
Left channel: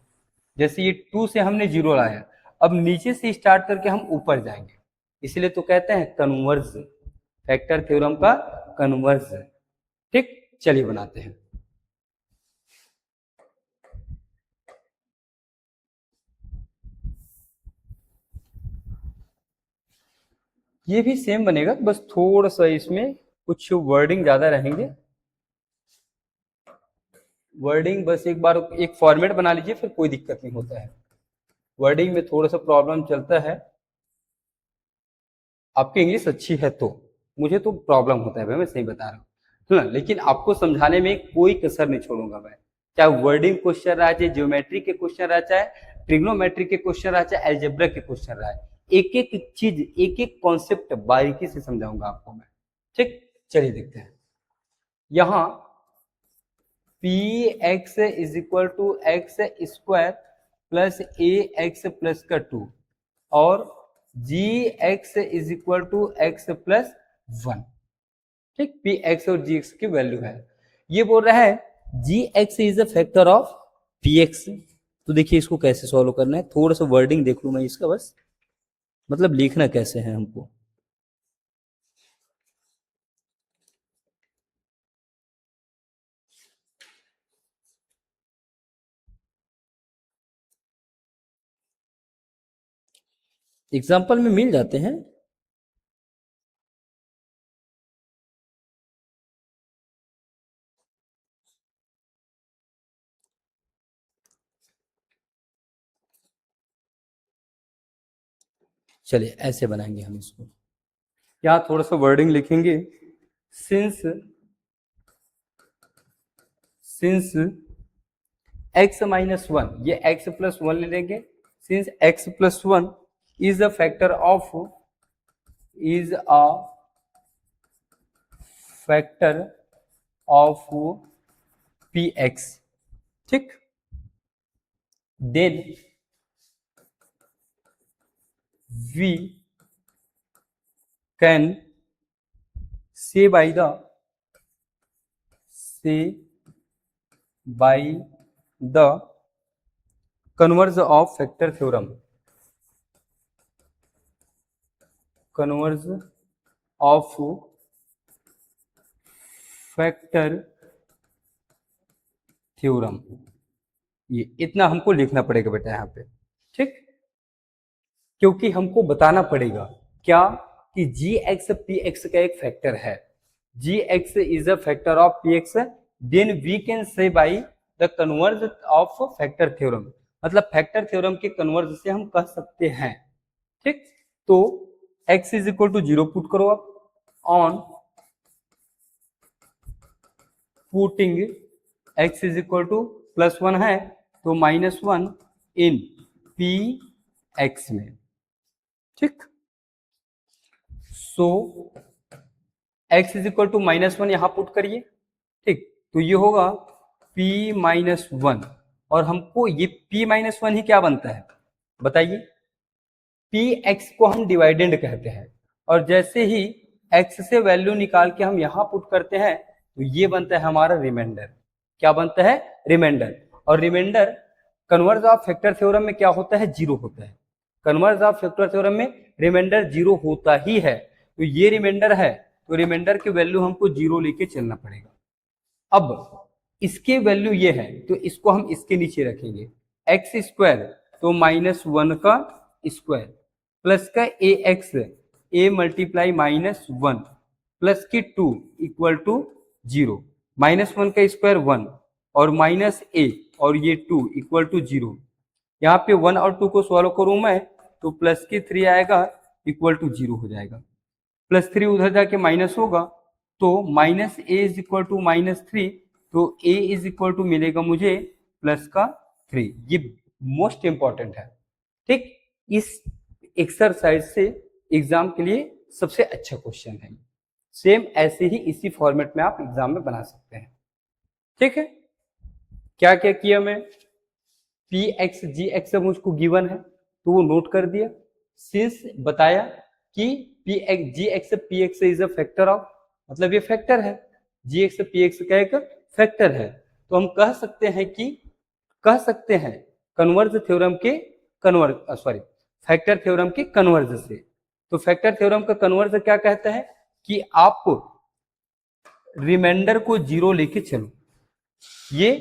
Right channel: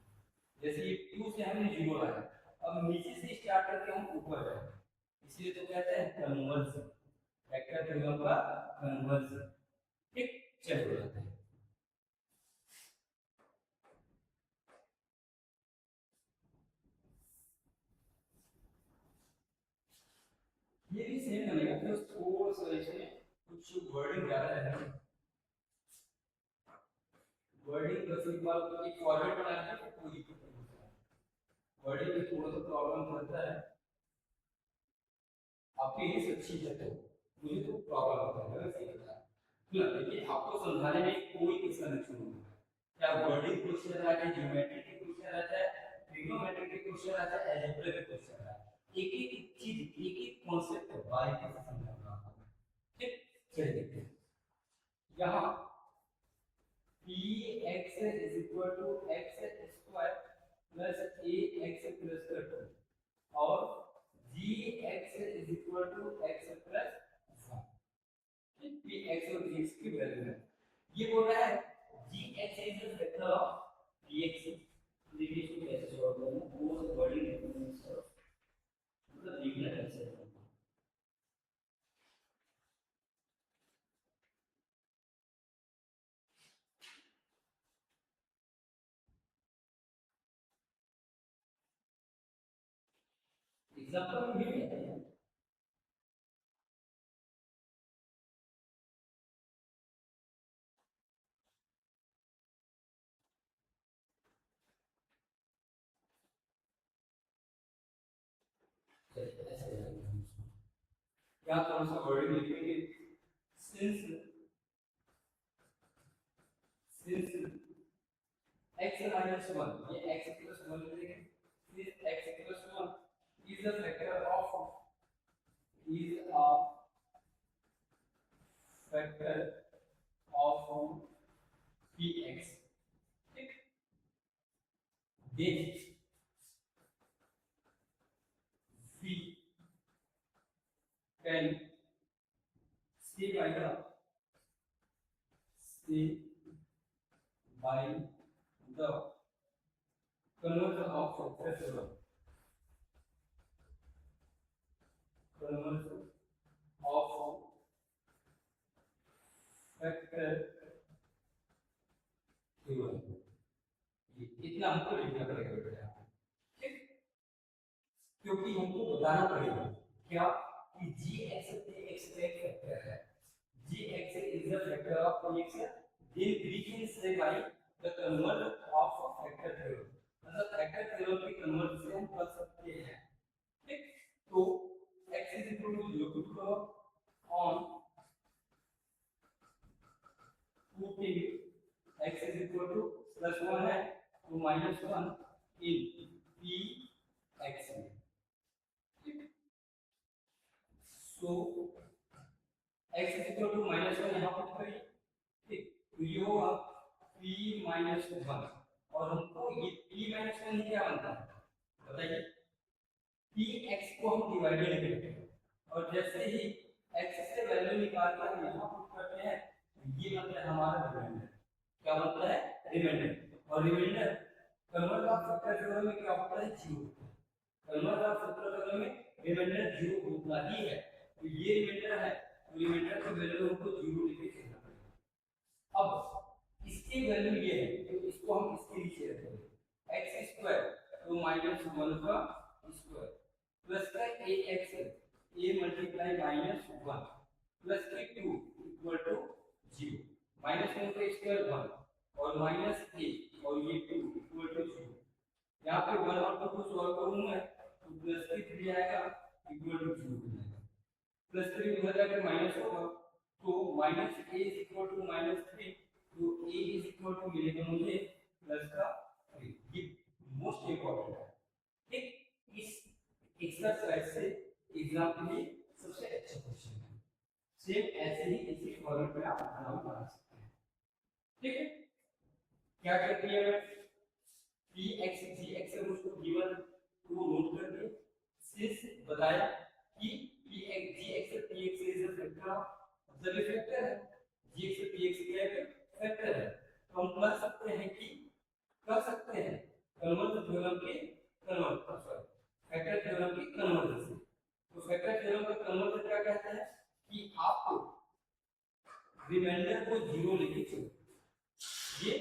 जैसे ये 2 से हमने जीरो लाया, अब नीचे से स्टार्ट करके हम ऊपर जाएंगे, इसलिए तो कहते हैं कन्वर्ज, फैक्टर थ्योरम का कन्वर्ज, ठीक, चलिए बनाते हैं। ये भी सेम बनेगा, बस थोड़ा सा इसमें कुछ वर्डिंग ज्यादा रहेंगे, वर्डिंग बस एक बार एक फॉर्मेट बना लीजिए, फिर कोई दिक्कत नहीं होता है, वर्डिंग में थोड़ा सा प्रॉब्लम चलता है, आपकी इंग्लिश अच्छी है तो, मुझे तो प्रॉब्लम होता है भाई, मैं सही बता रहा हूँ ना, लेकिन आपको समझाने में कोई कसर नहीं छोड़ूंगा मैं, चाहे वर्डिंग क्वेश्चन रहा, चाहे ज्योमेट्री के क्वेश्चन रहा, चाहे ट्रिग्नोमेट्री के क्वेश्चन रहा, चाहे एल्जेब्रा के क्वेश्चन रहा, एक एक चीज, एक एक कॉन्सेप्ट बारीकी से समझाऊंगा आपको मैं, ठीक, चलिए देखते हैं। यहाँ P x is equal to X square plus A X plus का 2 और जी x is equal to X plus 1, ठीक, पी एक्स और जी एक्स की वैल्यू है, ये बोल रहा है जी x is a factor of P X. तो देखिए इसको कैसे सॉल्व करना है, थोड़ा सा वर्डिंग देख लूं मैं इसका, बस मतलब लिखना कैसे है हमको। एग्जाम्पल में मिल जाते हैं, चलिए ऐसे बनाएंगे हम इसको, यहाँ थोड़ा सा वर्डिंग लिखेंगे, since since x minus one, ये x प्लस वन ले लेंगे, since x plus one is a factor of, is a factor of P X, ठीक, then we can say by the, say by the converse of factor theorem, converse of factor theorem, ये इतना हमको लिखना पड़ेगा बेटा यहाँ पे, ठीक, क्योंकि हमको बताना पड़ेगा क्या कि जी एक्स पी एक्स का एक फैक्टर है, जी x is a factor of P x, then we can say by the converse of factor theorem, मतलब फैक्टर थ्योरम के कन्वर्ज से हम कह सकते हैं, ठीक, तो x is equal to zero put करो आप, on putting x is equal to plus one है तो minus one in P x में, ठीक, so x is equal to minus one यहां पुट करिए, ठीक, तो ये होगा p माइनस वन, और हमको ये p माइनस वन ही क्या बनता है बताइए, पी एक्स को हम डिवाइडेंड कहते हैं, और जैसे ही x से वैल्यू निकाल के हम यहाँ पुट करते हैं तो ये बनता है हमारा रिमाइंडर, क्या बनता है रिमाइंडर, और remainder converse of factor theorem में क्या होता है जीरो होता है, कन्वर्ज ऑफ फैक्टर थ्योरम में रिमाइंडर जीरो होता ही है, तो ये रिमाइंडर है तो रिमाइंडर की वैल्यू हमको जीरो लेके चलना पड़ेगा। अब इसके वैल्यू ये है तो इसको हम इसके नीचे रखेंगे, एक्स स्क्वायर तो -1 का स्क्वायर प्लस का ए एक्स, ए मल्टीप्लाई -1 प्लस की 2 इक्वल टू 0, -1 का स्क्वायर 1 और माइनस ए और ये 2 इक्वल टू 0। यहाँ पे 1 और 2 को सॉल्व करूं मैं तो प्लस की 3 आएगा इक्वल टू 0 हो जाएगा, +3 उधर जाके माइनस होगा तो minus A is equal to -3, तो ए इज इक्वल टू मिलेगा मुझे +3। ये मोस्ट इंपॉर्टेंट है, ठीक। इस एक्सरसाइज से एग्जाम के लिए सबसे अच्छा क्वेश्चन है। सेम ऐसे ही इसी फॉर्मेट में आप एग्जाम में बना सकते हैं, ठीक है। क्या क्या किया मैं, पी एक्स जी एक्स मुझको गिवन है तो वो नोट कर दिया, सिंस बताया कि p x ji x p x is a factor of, मतलब ये फैक्टर है, जी एक्स पी एक्स का एक फैक्टर है, तो हम कह सकते हैं कन्वर्ज थ्योरम के फैक्टर थ्योरम के कन्वर्ज से। तो फैक्टर थ्योरम का कन्वर्ज क्या कहता है कि आप रिमाइंडर को 0 लेके चलो, ये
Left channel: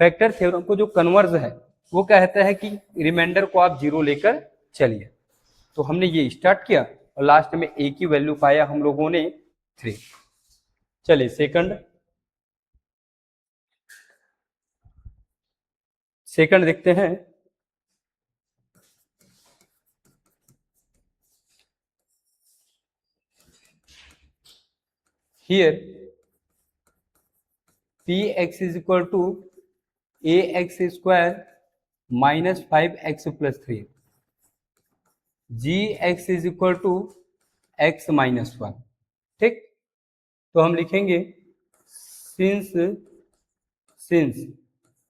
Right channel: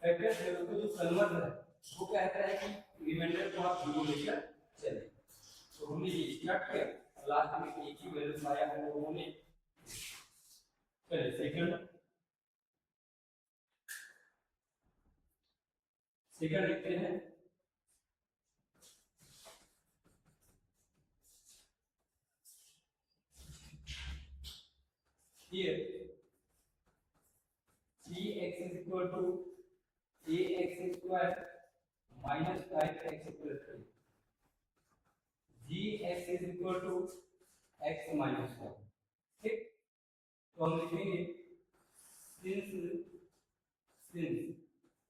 फैक्टर थ्योरम को जो कन्वर्ज है वो कहता है कि रिमाइंडर को आप 0 लेकर चलिए। तो हमने ये स्टार्ट किया और लास्ट में ए की वैल्यू पाया हम लोगों ने 3। चलिए सेकंड देखते हैं। Here px is equal to ax square -5x plus 3, gx is equal to x minus 1, ठीक। तो हम लिखेंगे since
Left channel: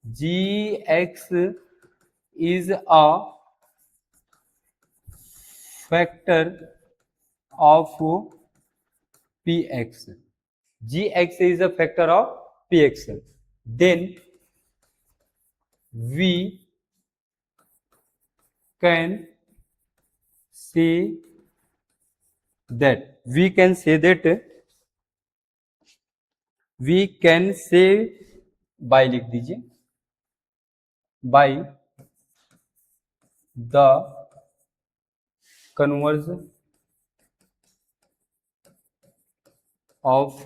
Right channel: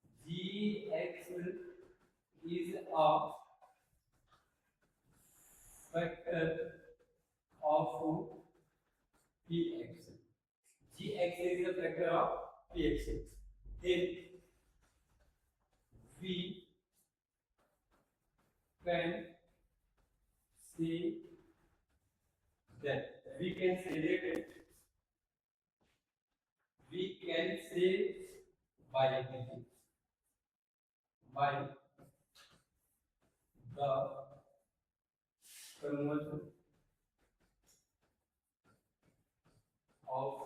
gx is a factor of px, gx is a factor of px, then we can say by लिख दीजिए, by the conversion of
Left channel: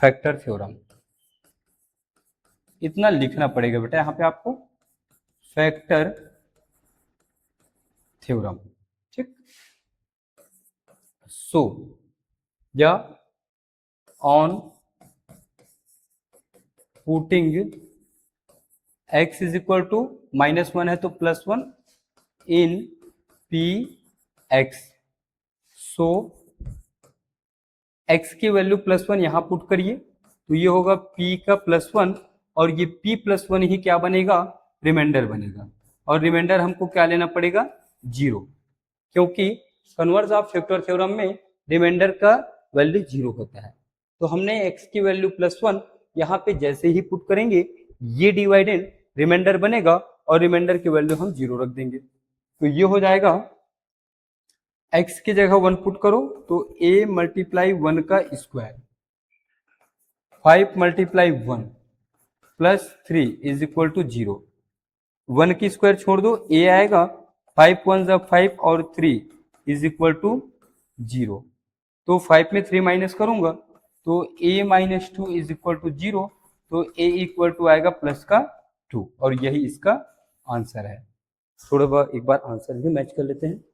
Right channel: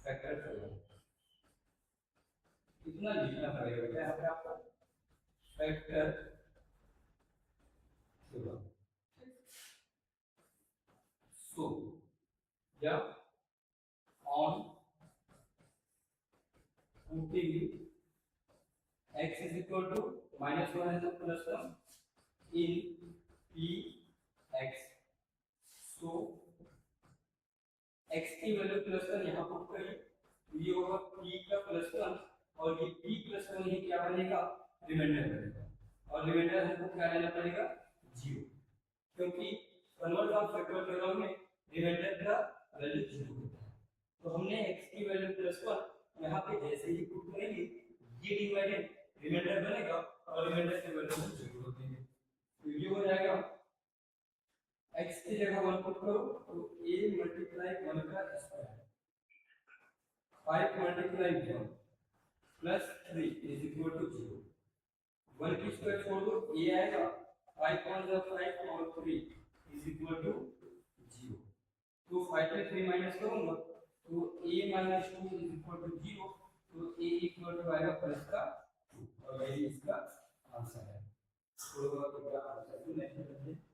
factor theorem. इतना लिखना पड़ेगा बेटा यहाँ पे आपको, फैक्टर थ्योरम, ठीक। सो या on putting x is equal to -1 है तो +1 in P x, so x की वैल्यू +1 यहाँ पुट करिए तो ये होगा p का +1 और ये p+1 ही क्या बनेगा, रिमाइंडर बनेगा, और रिमाइंडर हमको क्या लेना पड़ेगा, 0, क्योंकि कन्वर्ज ऑफ फैक्टर थ्योरम में रिमाइंडर का वैल्यू 0 होता है। तो हमने x की वैल्यू +1 यहाँ पे जैसे ही पुट करेंगे ये डिवाइडेड रिमाइंडर बनेगा और रिमाइंडर की वैल्यू हम 0 रख देंगे, तो ये हो जाएगा x की जगह 1 पुट करो तो a मल्टीप्लाई 1 का square 5 multiply 1 plus 3 is equal to 0, 1 की स्क्वायर छोड़ दो a आएगा, 5 1 जा 5 और 3 इज इक्वल टू 0, तो 5 में 3 माइनस करूंगा तो a minus 2 is equal to 0, तो a इक्वल टू आएगा +2 और यही इसका आंसर है। थोड़ा एक बार आंसर भी मैच कर लेते हैं,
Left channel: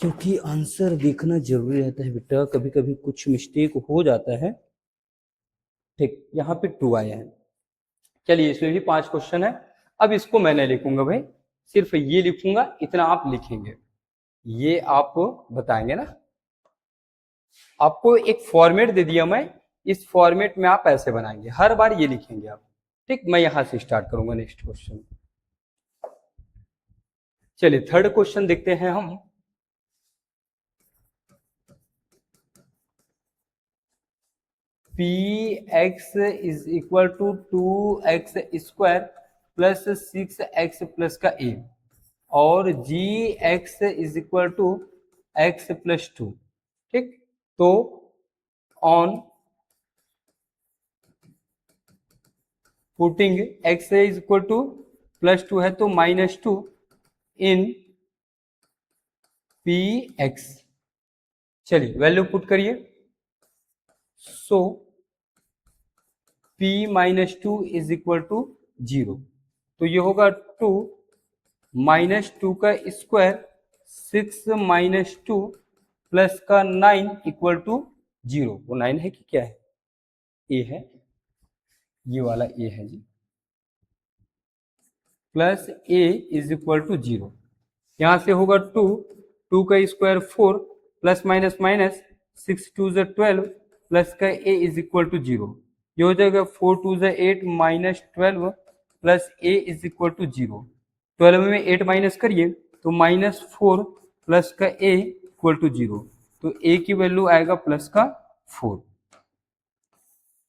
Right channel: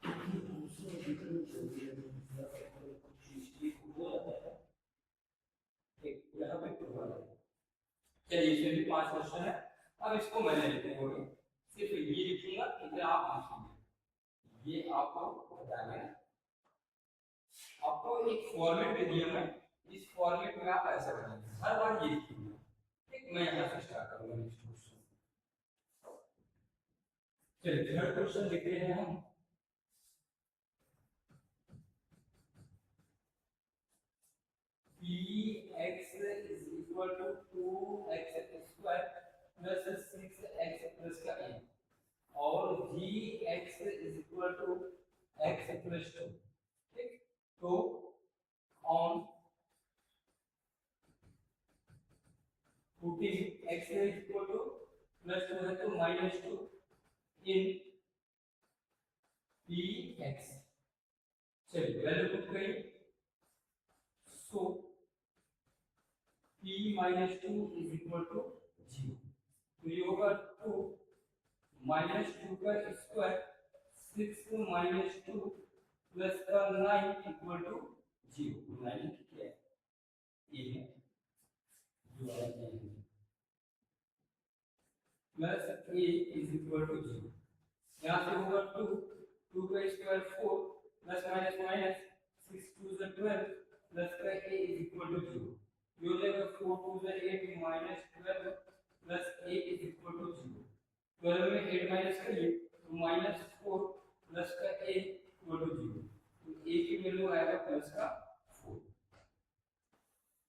क्योंकि आंसर देखना जरूरी रहता है बेटा, कभी कभी कुछ मिस्टेक हो जाता है, ठीक। यहाँ पे 2 आया है, चलिए इसमें भी 5 क्वेश्चन है। अब इसको मैं नहीं लिखूंगा भाई, सिर्फ ये लिखूंगा, इतना आप लिखेंगे, ये आप बताएंगे ना। आपको एक फॉर्मेट दे दिया मैं, इस फॉर्मेट में आप ऐसे बनाएंगे, हर बार ये लिखेंगे आप, ठीक। मैं यहां से स्टार्ट करूंगा नेक्स्ट क्वेश्चन। चलिए थर्ड क्वेश्चन देखते हैं हम। px is equal to 2x square plus 6x plus का a और gx is equal to x plus 2, ठीक। तो on putting x is equal to +2 है तो -2 इन पी एक्स। चलिए वैल्यू पुट करिए। So p -2 is equal to 0, तो ये होगा 2 -2 का स्क्वायर 6 -2 प्लस का 9 इक्वल टू 0। वो 9 है कि क्या है? ए है, ये वाला ए है जी। Plus a is equal to 0। यहाँ से होगा 2 का स्क्वायर 4 प्लस माइनस माइनस 6 2 ज़ 12 प्लस का ए इज इक्वल टू 0। ये हो जाएगा 4 2 ज़ 8 minus 12 plus a is equal to 0। 12 में 8 माइनस करिए तो -4 प्लस का ए इक्वल टू 0। तो ए की वैल्यू आएगा प्लस का 4।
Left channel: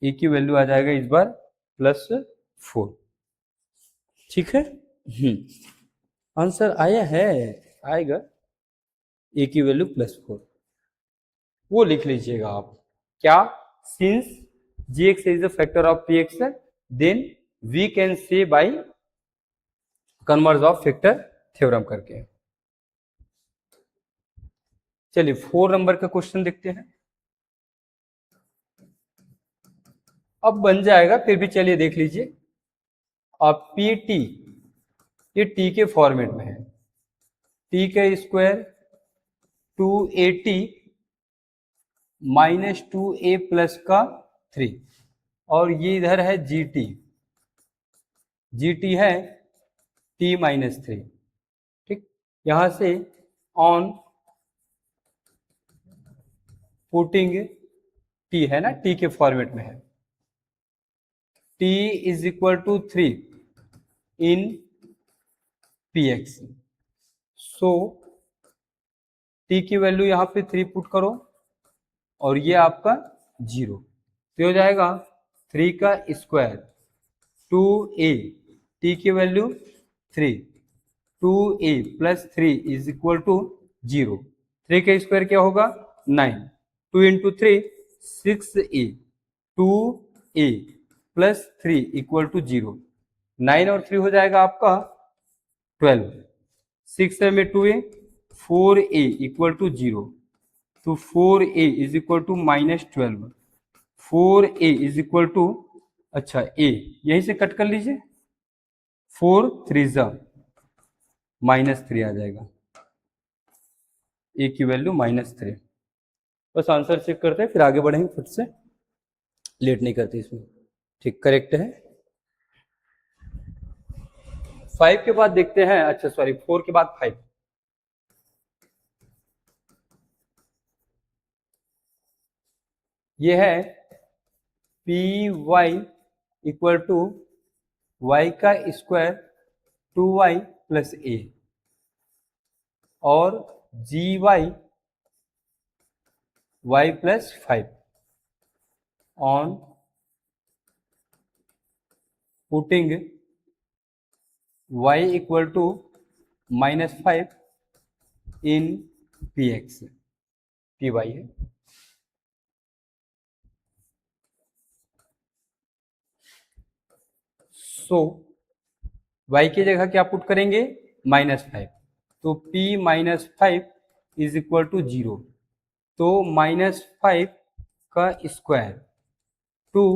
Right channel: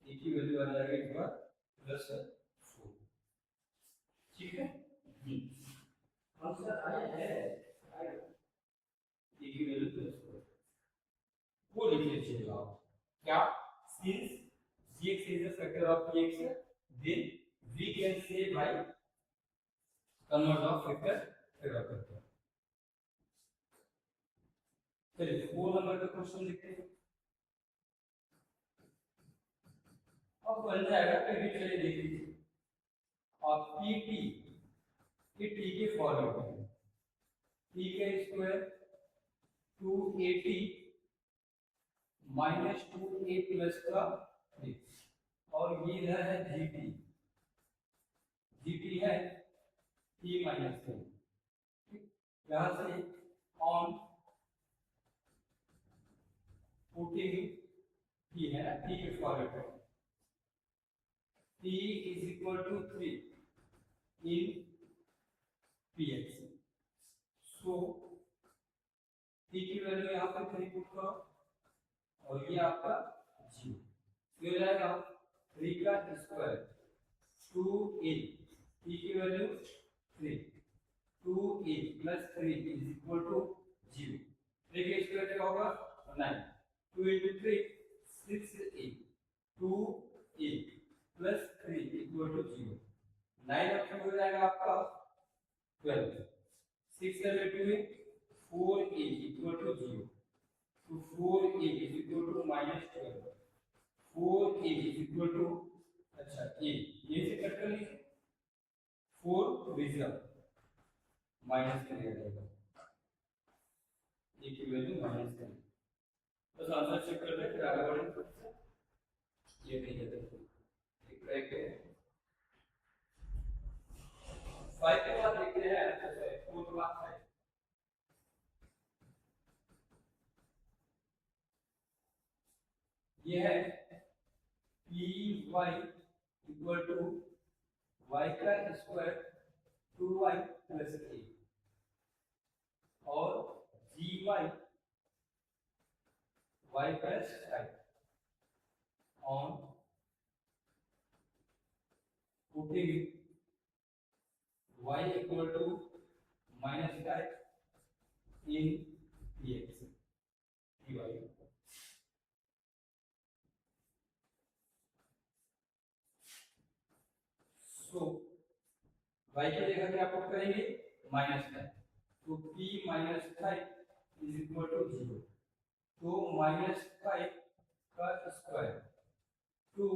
ए की वैल्यू आ जाएगा इस बार +4। ठीक है। आंसर आया है, आएगा ए की वैल्यू +4। वो लिख लीजिएगा आप क्या, since gx is the factor of px then we can say by converse of factor theorem करके। चलिए 4 नंबर का क्वेश्चन देखते हैं। अब बन जाएगा, फिर भी चलिए देख लीजिए। अब पी टी, ये टी के फॉर्मेट में है। टी का स्क्वायर 2at -2a प्लस का 3, और ये इधर है gt, gt है t-3। ठीक, यहां से ऑन पुटिंग t है ना, t के फॉर्मेट में है, t is equal to 3 in px। So t की वैल्यू यहाँ पे 3 पुट करो और ये आपका 0, तो हो जाएगा 3 का स्क्वायर 2a, t की value 3, 2a plus 3 is equal to 0। 3 का स्क्वायर क्या होगा 9, 2 into 3 6a, 2a plus 3 equal to 0। 9 और 3 हो जाएगा आपका 12, 6 में 2a, 4a इक्वल टू 0, तो 4a is equal to -12, 4a is equal to, अच्छा a यहीं से कट कर लीजिए, 4 3 जा -3 आ जाएगा, a की वैल्यू -3। बस आंसर चेक करते हैं फिर आगे बढ़ेंगे, फट से लेट नहीं करते इसमें। ठीक, करेक्ट है। 5 के बाद देखते हैं, अच्छा सॉरी 4 के बाद 5। ये है p y equal to y का स्क्वायर 2y प्लस ए, और g y y plus 5 on putting y equal to -5 in P x, p y है। सो y की जगह क्या पुट करेंगे -5, तो p -5 इज इक्वल टू 0, तो -5 का square 2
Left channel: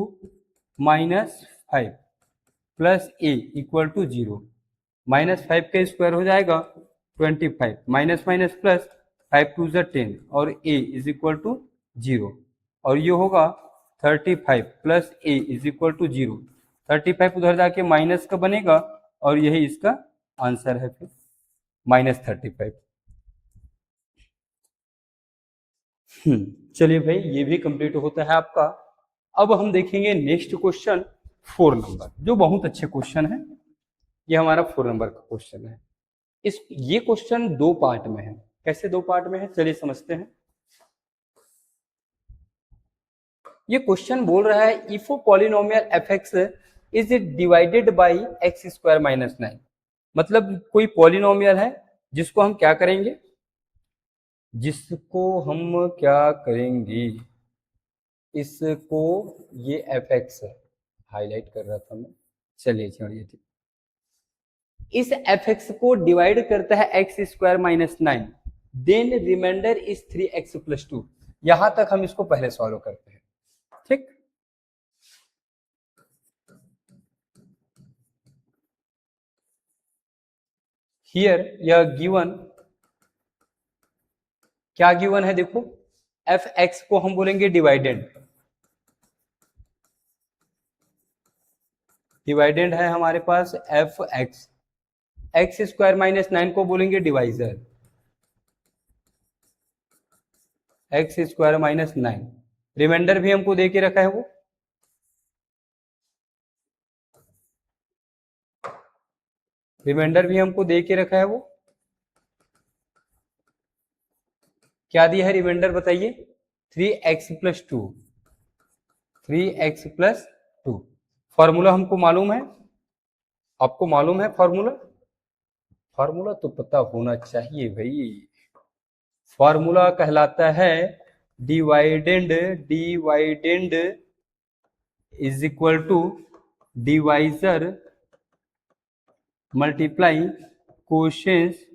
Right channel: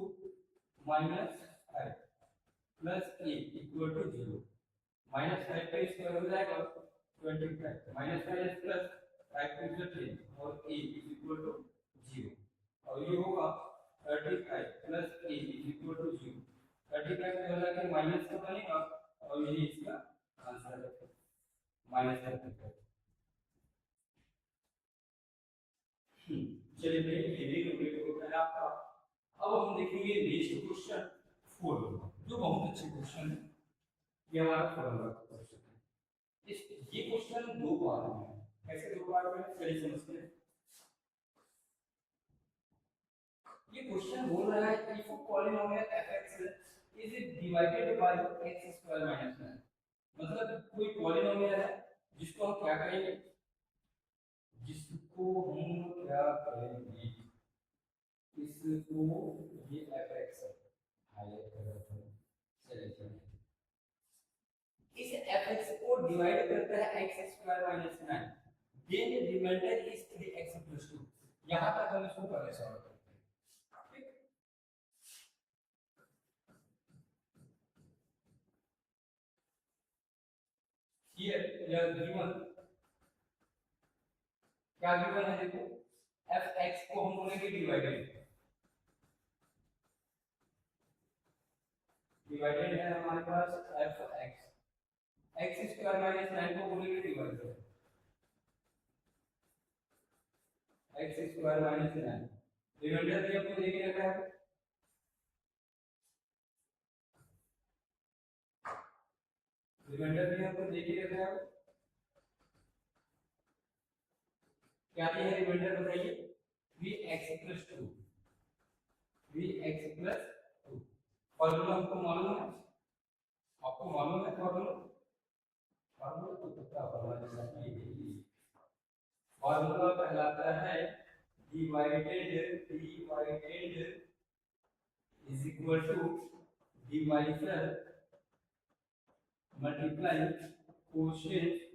-5 plus a equal to 0। -5 का स्क्वायर हो जाएगा 25, माइनस माइनस प्लस 5 2 ज़ 10, और a इज इक्वल टू 0, और ये होगा 35 plus a is equal to 0। 35 उधर जाके माइनस का बनेगा और यही इसका आंसर है फिर -35। चलिए भाई, ये भी कंप्लीट होता है आपका। अब हम देखेंगे नेक्स्ट क्वेश्चन 4 नंबर, जो बहुत अच्छे क्वेश्चन है। ये हमारा 4 नंबर का क्वेश्चन है। ये क्वेश्चन 2 पार्ट में है। कैसे 2 पार्ट में है, चलिए समझते हैं। ये क्वेश्चन बोल रहा है if polynomial f x is divided by x square -9। मतलब कोई पॉलिनोमियल है जिसको हम क्या करेंगे, इसको ये एफ एक्स है, हाईलाइट कर रहा था मैं, चलिए छोड़िए, ठीक। इस fx को डिवाइड करता है x square minus 9, then remainder is 3x+2। यहां तक हम इसको पहले सॉल्व करते हैं, ठीक। हियर यह गिवन, क्या गिवन है देखो, fx को हम बोलेंगे डिवाइडेंड, डिवाइडेंड है हमारे पास fx, एक्स स्क्वायर माइनस 9 को बोलेंगे divisor, x square minus 9। Remainder भी हमको दे के रखा है वो, रिमाइंडर भी हमको दे के रखा है वो, क्या दिया है रिमाइंडर बताइए, 3x+2, 3x+2। फॉर्मूला हमको मालूम है, आपको मालूम है फॉर्मूला, फॉर्मूला तो पता होना चाहिए भाई। फॉर्मूला कहलाता है dividend, dividend is equal to divisor multiply quotients.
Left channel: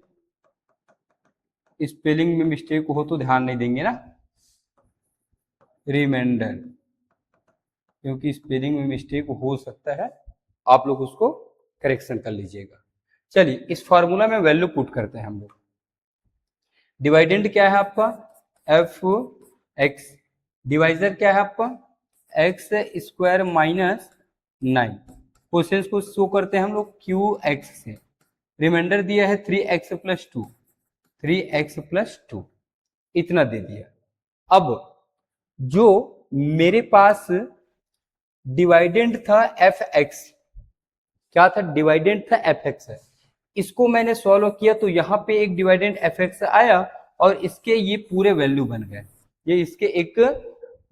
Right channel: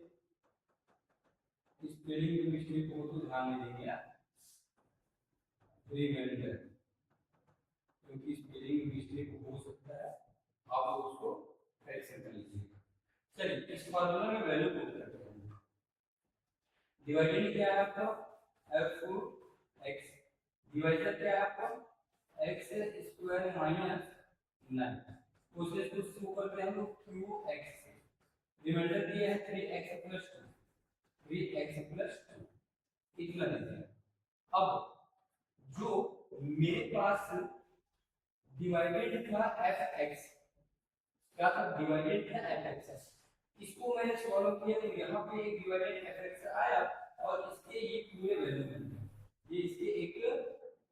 Spelling में मिस्टेक हो तो ध्यान नहीं देंगे ना, रिमाइंडर, क्योंकि स्पेलिंग में मिस्टेक हो सकता है, आप लोग उसको करेक्शन कर लीजिएगा। चलिए इस फॉर्मूला में वैल्यू पुट करते हैं हम लोग। डिवाइडेंड क्या है आपका, एफ एक्स, डिवाइजर क्या है आपका, एक्स स्क्वायर माइनस 9, क्वेश्चन को शो करते हैं हम लोग क्यू एक्स से, रिमाइंडर दिया है 3x+2, 3x+2 इतना दे दिया। अब जो मेरे पास डिवाइडेंड था fx, क्या था, डिवाइडेंड था fx है, इसको मैंने सॉल्व किया तो यहाँ पे एक डिवाइडेंड fx आया और इसके ये पूरे वैल्यू बन गए, ये इसके एक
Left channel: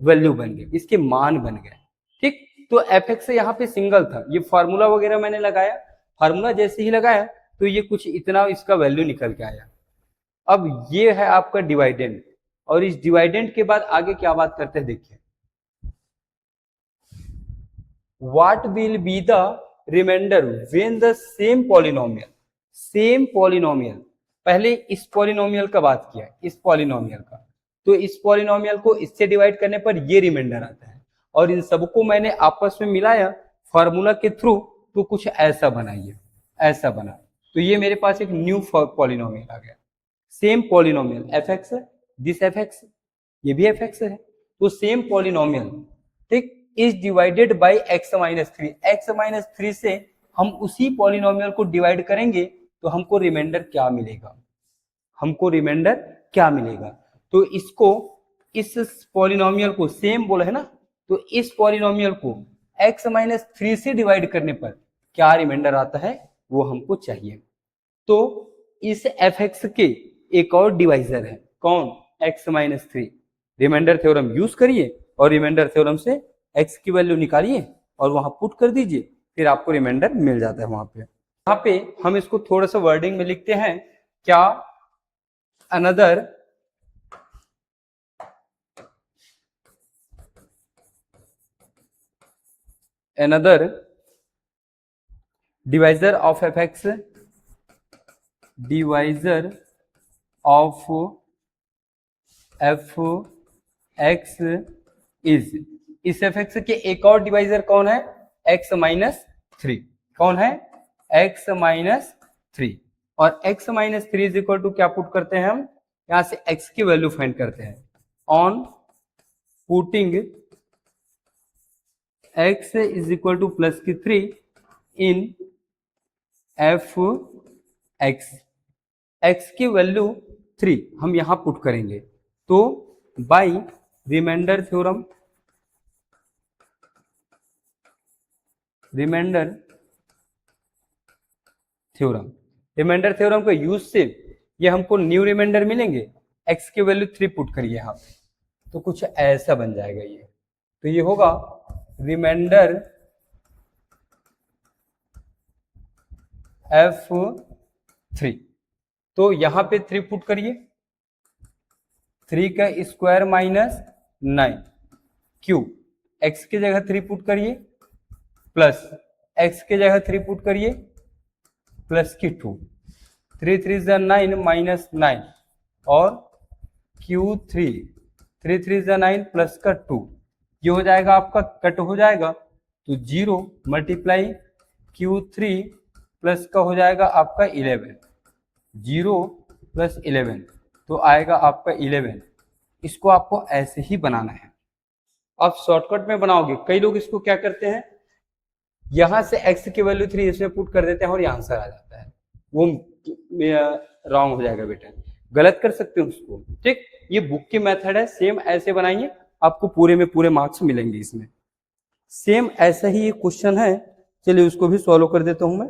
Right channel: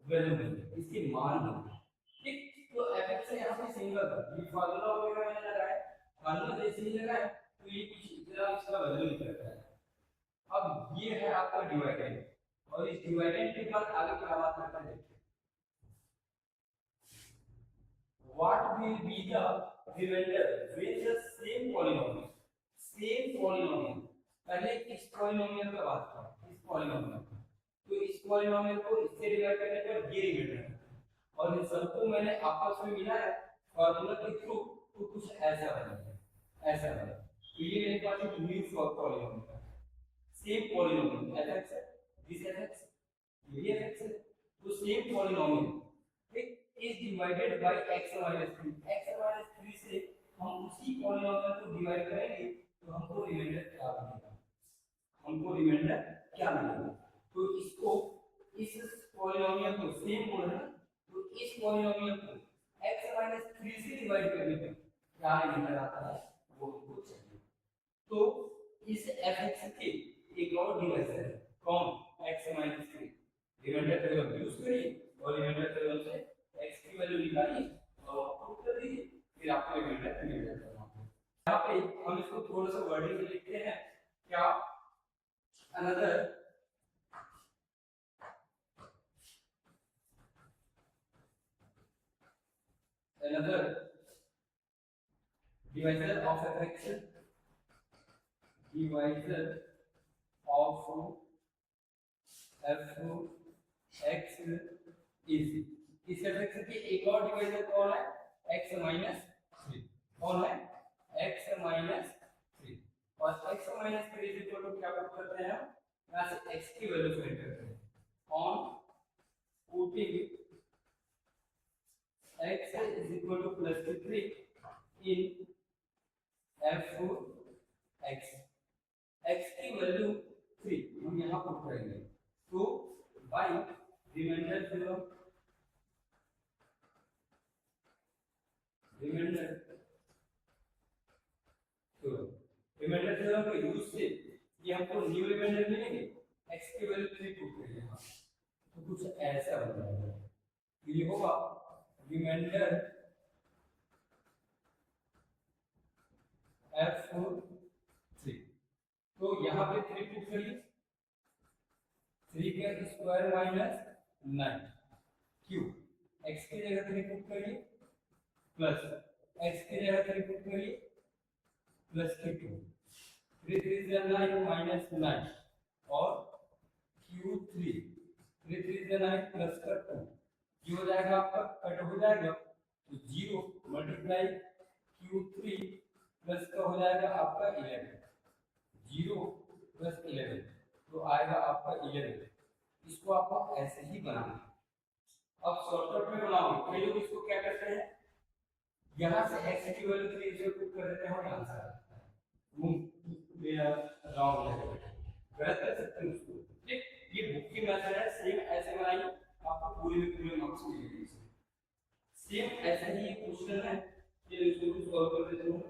वैल्यू बन गए, इसके मान बन गए, ठीक। तो fx यहाँ पे सिंगल था, ये फार्मूला वगैरह मैंने लगाया, फार्मूला जैसे ही लगाया तो ये कुछ इतना इसका वैल्यू निकल के आया। अब ये है आपका डिवाइडेंड, और इस डिवाइडेंड के बाद आगे क्या बात करते हैं देखिए, what will be the remainder when the same polynomial, same polynomial, पहले इस पॉलिनोमियल का बात किया, इस पॉलिनोमियल का, तो इस पॉलिनोमियल को इससे डिवाइड करने पर ये रिमाइंडर आता है, और इन सबको मैंने आपस में मिलाया फॉर्मूला के थ्रू, तो कुछ ऐसा बनाइए, ऐसा बना, तो ये मेरे पास एक न्यू पॉलिनोमियल आ गया, सेम पॉलिनोमियल fx है, दिस fx, ये भी fx है, तो सेम पॉलिनोमियल, ठीक, इज डिवाइडेड बाय x-3 से हम उसी पॉलिनोमियल को डिवाइड करेंगे तो हमको रिमाइंडर क्या मिलेगा, हमको रिमाइंडर क्या मिलेगा, तो इसको, इस पॉलिनोमियल को सेम बोला है ना, तो इस पॉलिनोमियल को x-3 से डिवाइड करने पर क्या रिमाइंडर आता है वो हमको चाहिए। तो इस fx के एक और डिवाइजर है, कौन, x-3, रिमाइंडर थ्योरम यूज करिए और रिमाइंडर थ्योरम से x की वैल्यू निकालिए और वहां पुट कर दीजिए, फिर आपको रिमाइंडर मिल जाता है वहां पे। यहाँ पे हम इसको थोड़ा सा वर्डिंग में लिखते हैं, क्या, another divisor of fx, divisor of fx is, इस fx के एक और डिवाइजर कौन है, x-3, कौन है, x-3, और x-3 इज इक्वल टू क्या पुट करते हैं हम, यहां से x की वैल्यू फाइंड करते हैं, on putting x is equal to +3 in fx, x की वैल्यू 3 हम यहां पुट करेंगे, तो by remainder theorem, remainder theorem, remainder theorem का यूज से ये हमको न्यू रिमाइंडर मिलेंगे, x की वैल्यू 3 पुट करिए यहाँ पे, तो कुछ ऐसा बन जाएगा ये, तो ये होगा रिमाइंडर f3, तो यहाँ पे 3 पुट करिए, 3 का स्क्वायर माइनस 9 क्यू, x की जगह 3 पुट करिए, प्लस x के जगह 3 पुट करिए प्लस की 2, 3 3 9 माइनस 9 और Q3 3 3 9 प्लस का 2, ये हो जाएगा आपका, कट हो जाएगा तो 0 मल्टीप्लाई Q3 प्लस का हो जाएगा आपका 11, 0 प्लस 11 तो आएगा आपका 11। इसको आपको ऐसे ही बनाना है। आप शॉर्टकट में बनाओगे, कई लोग इसको क्या करते हैं, यहां से x की वैल्यू 3 इसमें पुट कर देते हैं और ये आंसर आ जाता है, वो रॉन्ग हो जाएगा बेटा, गलत कर सकते हो उसको। ठीक, ये बुक की मेथड है, सेम ऐसे बनाइए, आपको पूरे में पूरे मार्क्स मिलेंगे इसमें। सेम ऐसा ही ये क्वेश्चन है, चलिए उसको भी सॉल्व कर देता हूं मैं।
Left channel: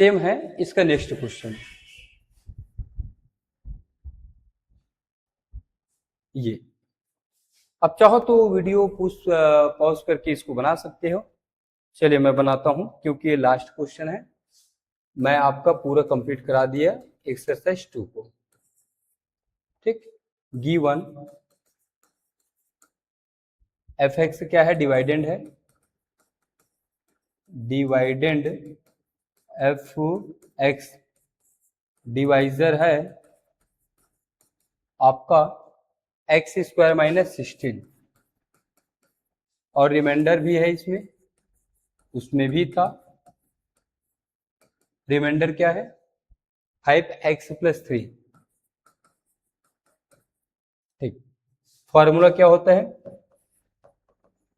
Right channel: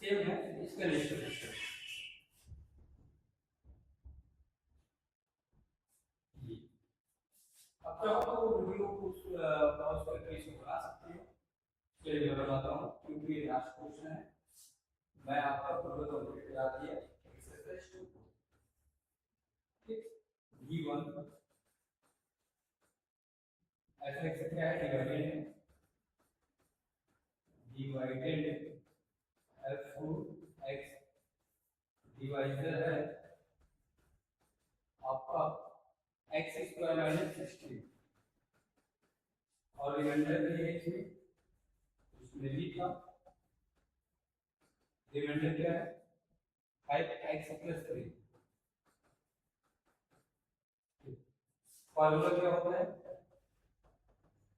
सेम है इसका नेक्स्ट क्वेश्चन, ये अब चाहो तो वीडियो पॉज करके इसको बना सकते हो। चलिए मैं बनाता हूं, क्योंकि ये लास्ट क्वेश्चन है, मैं आपका पूरा कंप्लीट करा दिया एक्सरसाइज 2 को। ठीक, गिवन एफ एक्स क्या है, डिवाइडेंड है, डिवाइडेंड एफ एक्स डिवाइजर है आपका एक्स स्क्वायर माइनस 16 और रिमाइंडर भी है इसमें, उसमें भी था, रिमाइंडर क्या है 5x प्लस 3। ठीक, फॉर्मूला क्या होता है,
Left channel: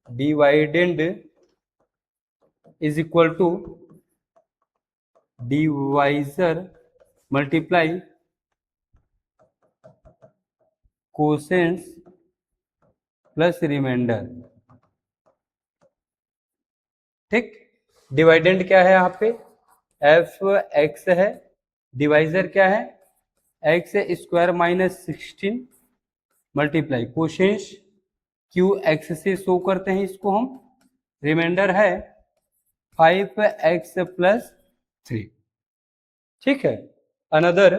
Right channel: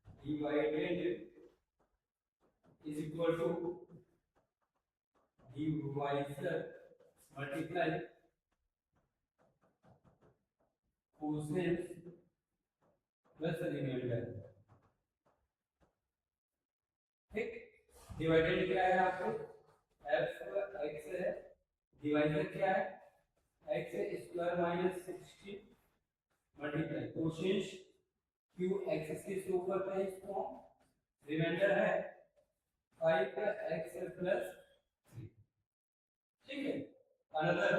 dividend is equal to divisor multiply quotients plus remainder. ठीक, डिवाइडेंड क्या है यहाँ पे एफ एक्स है, डिवाइजर क्या है x square minus 16 multiply quotients q x से शो करते हैं इसको हम, रिमाइंडर है 5x प्लस 3। ठीक है, अनदर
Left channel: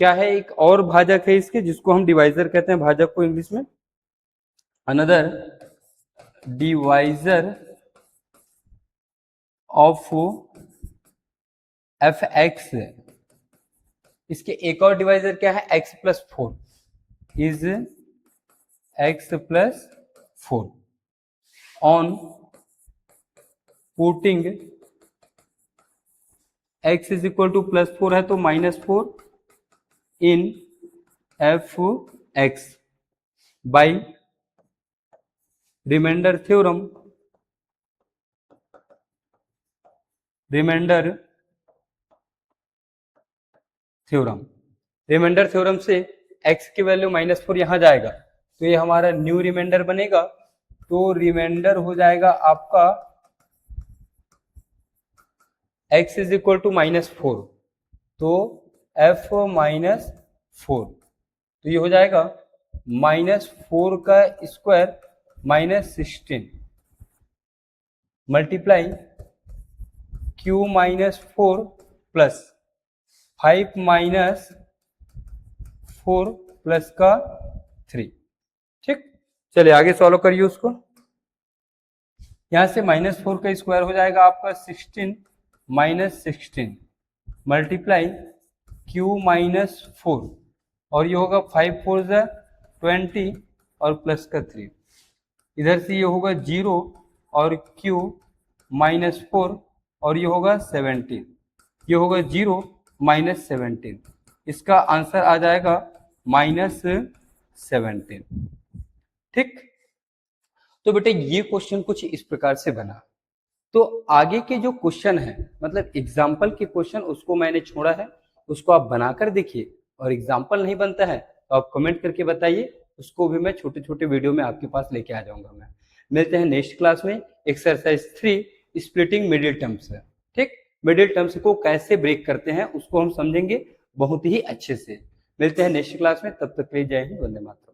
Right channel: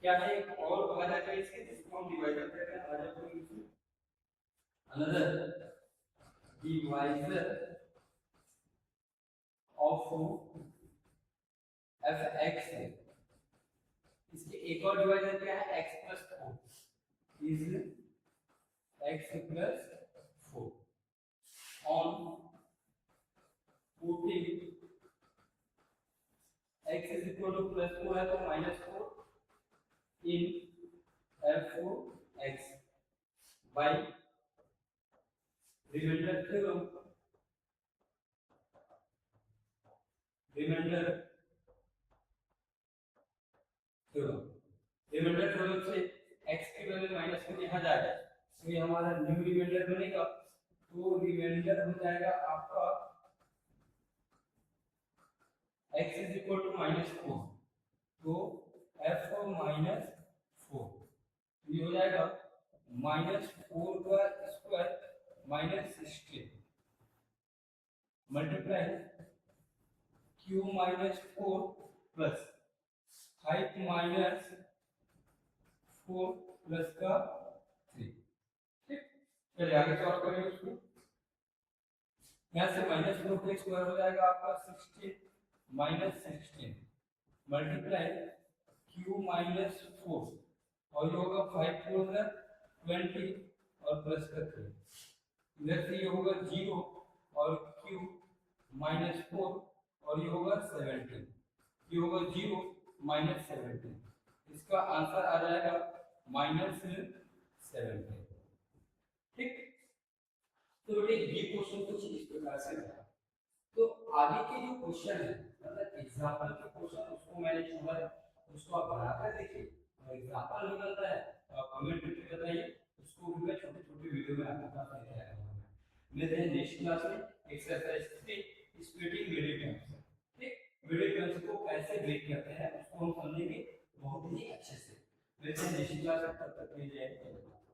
क्या है, एक और भाजक है इसके जिसको हम डिवाइजर कहते हैं, भाजक को इंग्लिश में, another divisor of F x, इसके एक और डिवाइजर क्या है x plus 4 is x plus 4 on putting x is equal to plus 4 है तो minus 4 in f x by remainder theorem, remainder theorem से x की वैल्यू माइनस 4 यहां जाएगा तो ये हमारा न्यू रिमाइंडर बनेगा, तो रिमाइंडर हो जाएगा आपका x is equal to minus 4, तो f माइनस 4, तो ये हो जाएगा माइनस 4 का square minus 16 multiply q minus 4 plus 5 minus 4 plus का 3। ठीक, चलिए आगे सॉल्व करिए उसको। यहां से माइनस 4 का स्क्वायर हो जाएगा आपका 16 माइनस 16 मल्टीप्लाई q माइनस 4 और ये होगा 5 4 20 और प्लस का 3, इधर से ये होगा 0 और q माइनस 4 और ये होगा 17, ये होगा 0 माइनस 17, इसका आंसर आ जाएगा माइनस 17। ठीक, तो बेटे ये क्वेश्चन कुछ इस प्रकार से बना। तो आगे के जो क्वेश्चन है, मतलब एग्जाम्पल के क्वेश्चन, उसको मैंने छोड़ा है, उसको आप बनाकर देखिए, और एग्जाम्पल नहीं बनता है तो आप कमेंट करके बताइए, उसको भी मैं छोटे छोटे वीडियो में आपके पास लेके आ जाऊंगा। मैं मिलते हैं नेक्स्ट क्लास में एक्सरसाइज 3 स्प्लिटिंग मिडिल टर्म्स है। ठीक, मिडिल टर्म्स को कैसे ब्रेक करते हैं उसको हम समझेंगे बहुत ही अच्छे से। मिलते हैं नेक्स्ट क्लास में, तब तक के लिए जय हिंद, वंदे मातरम।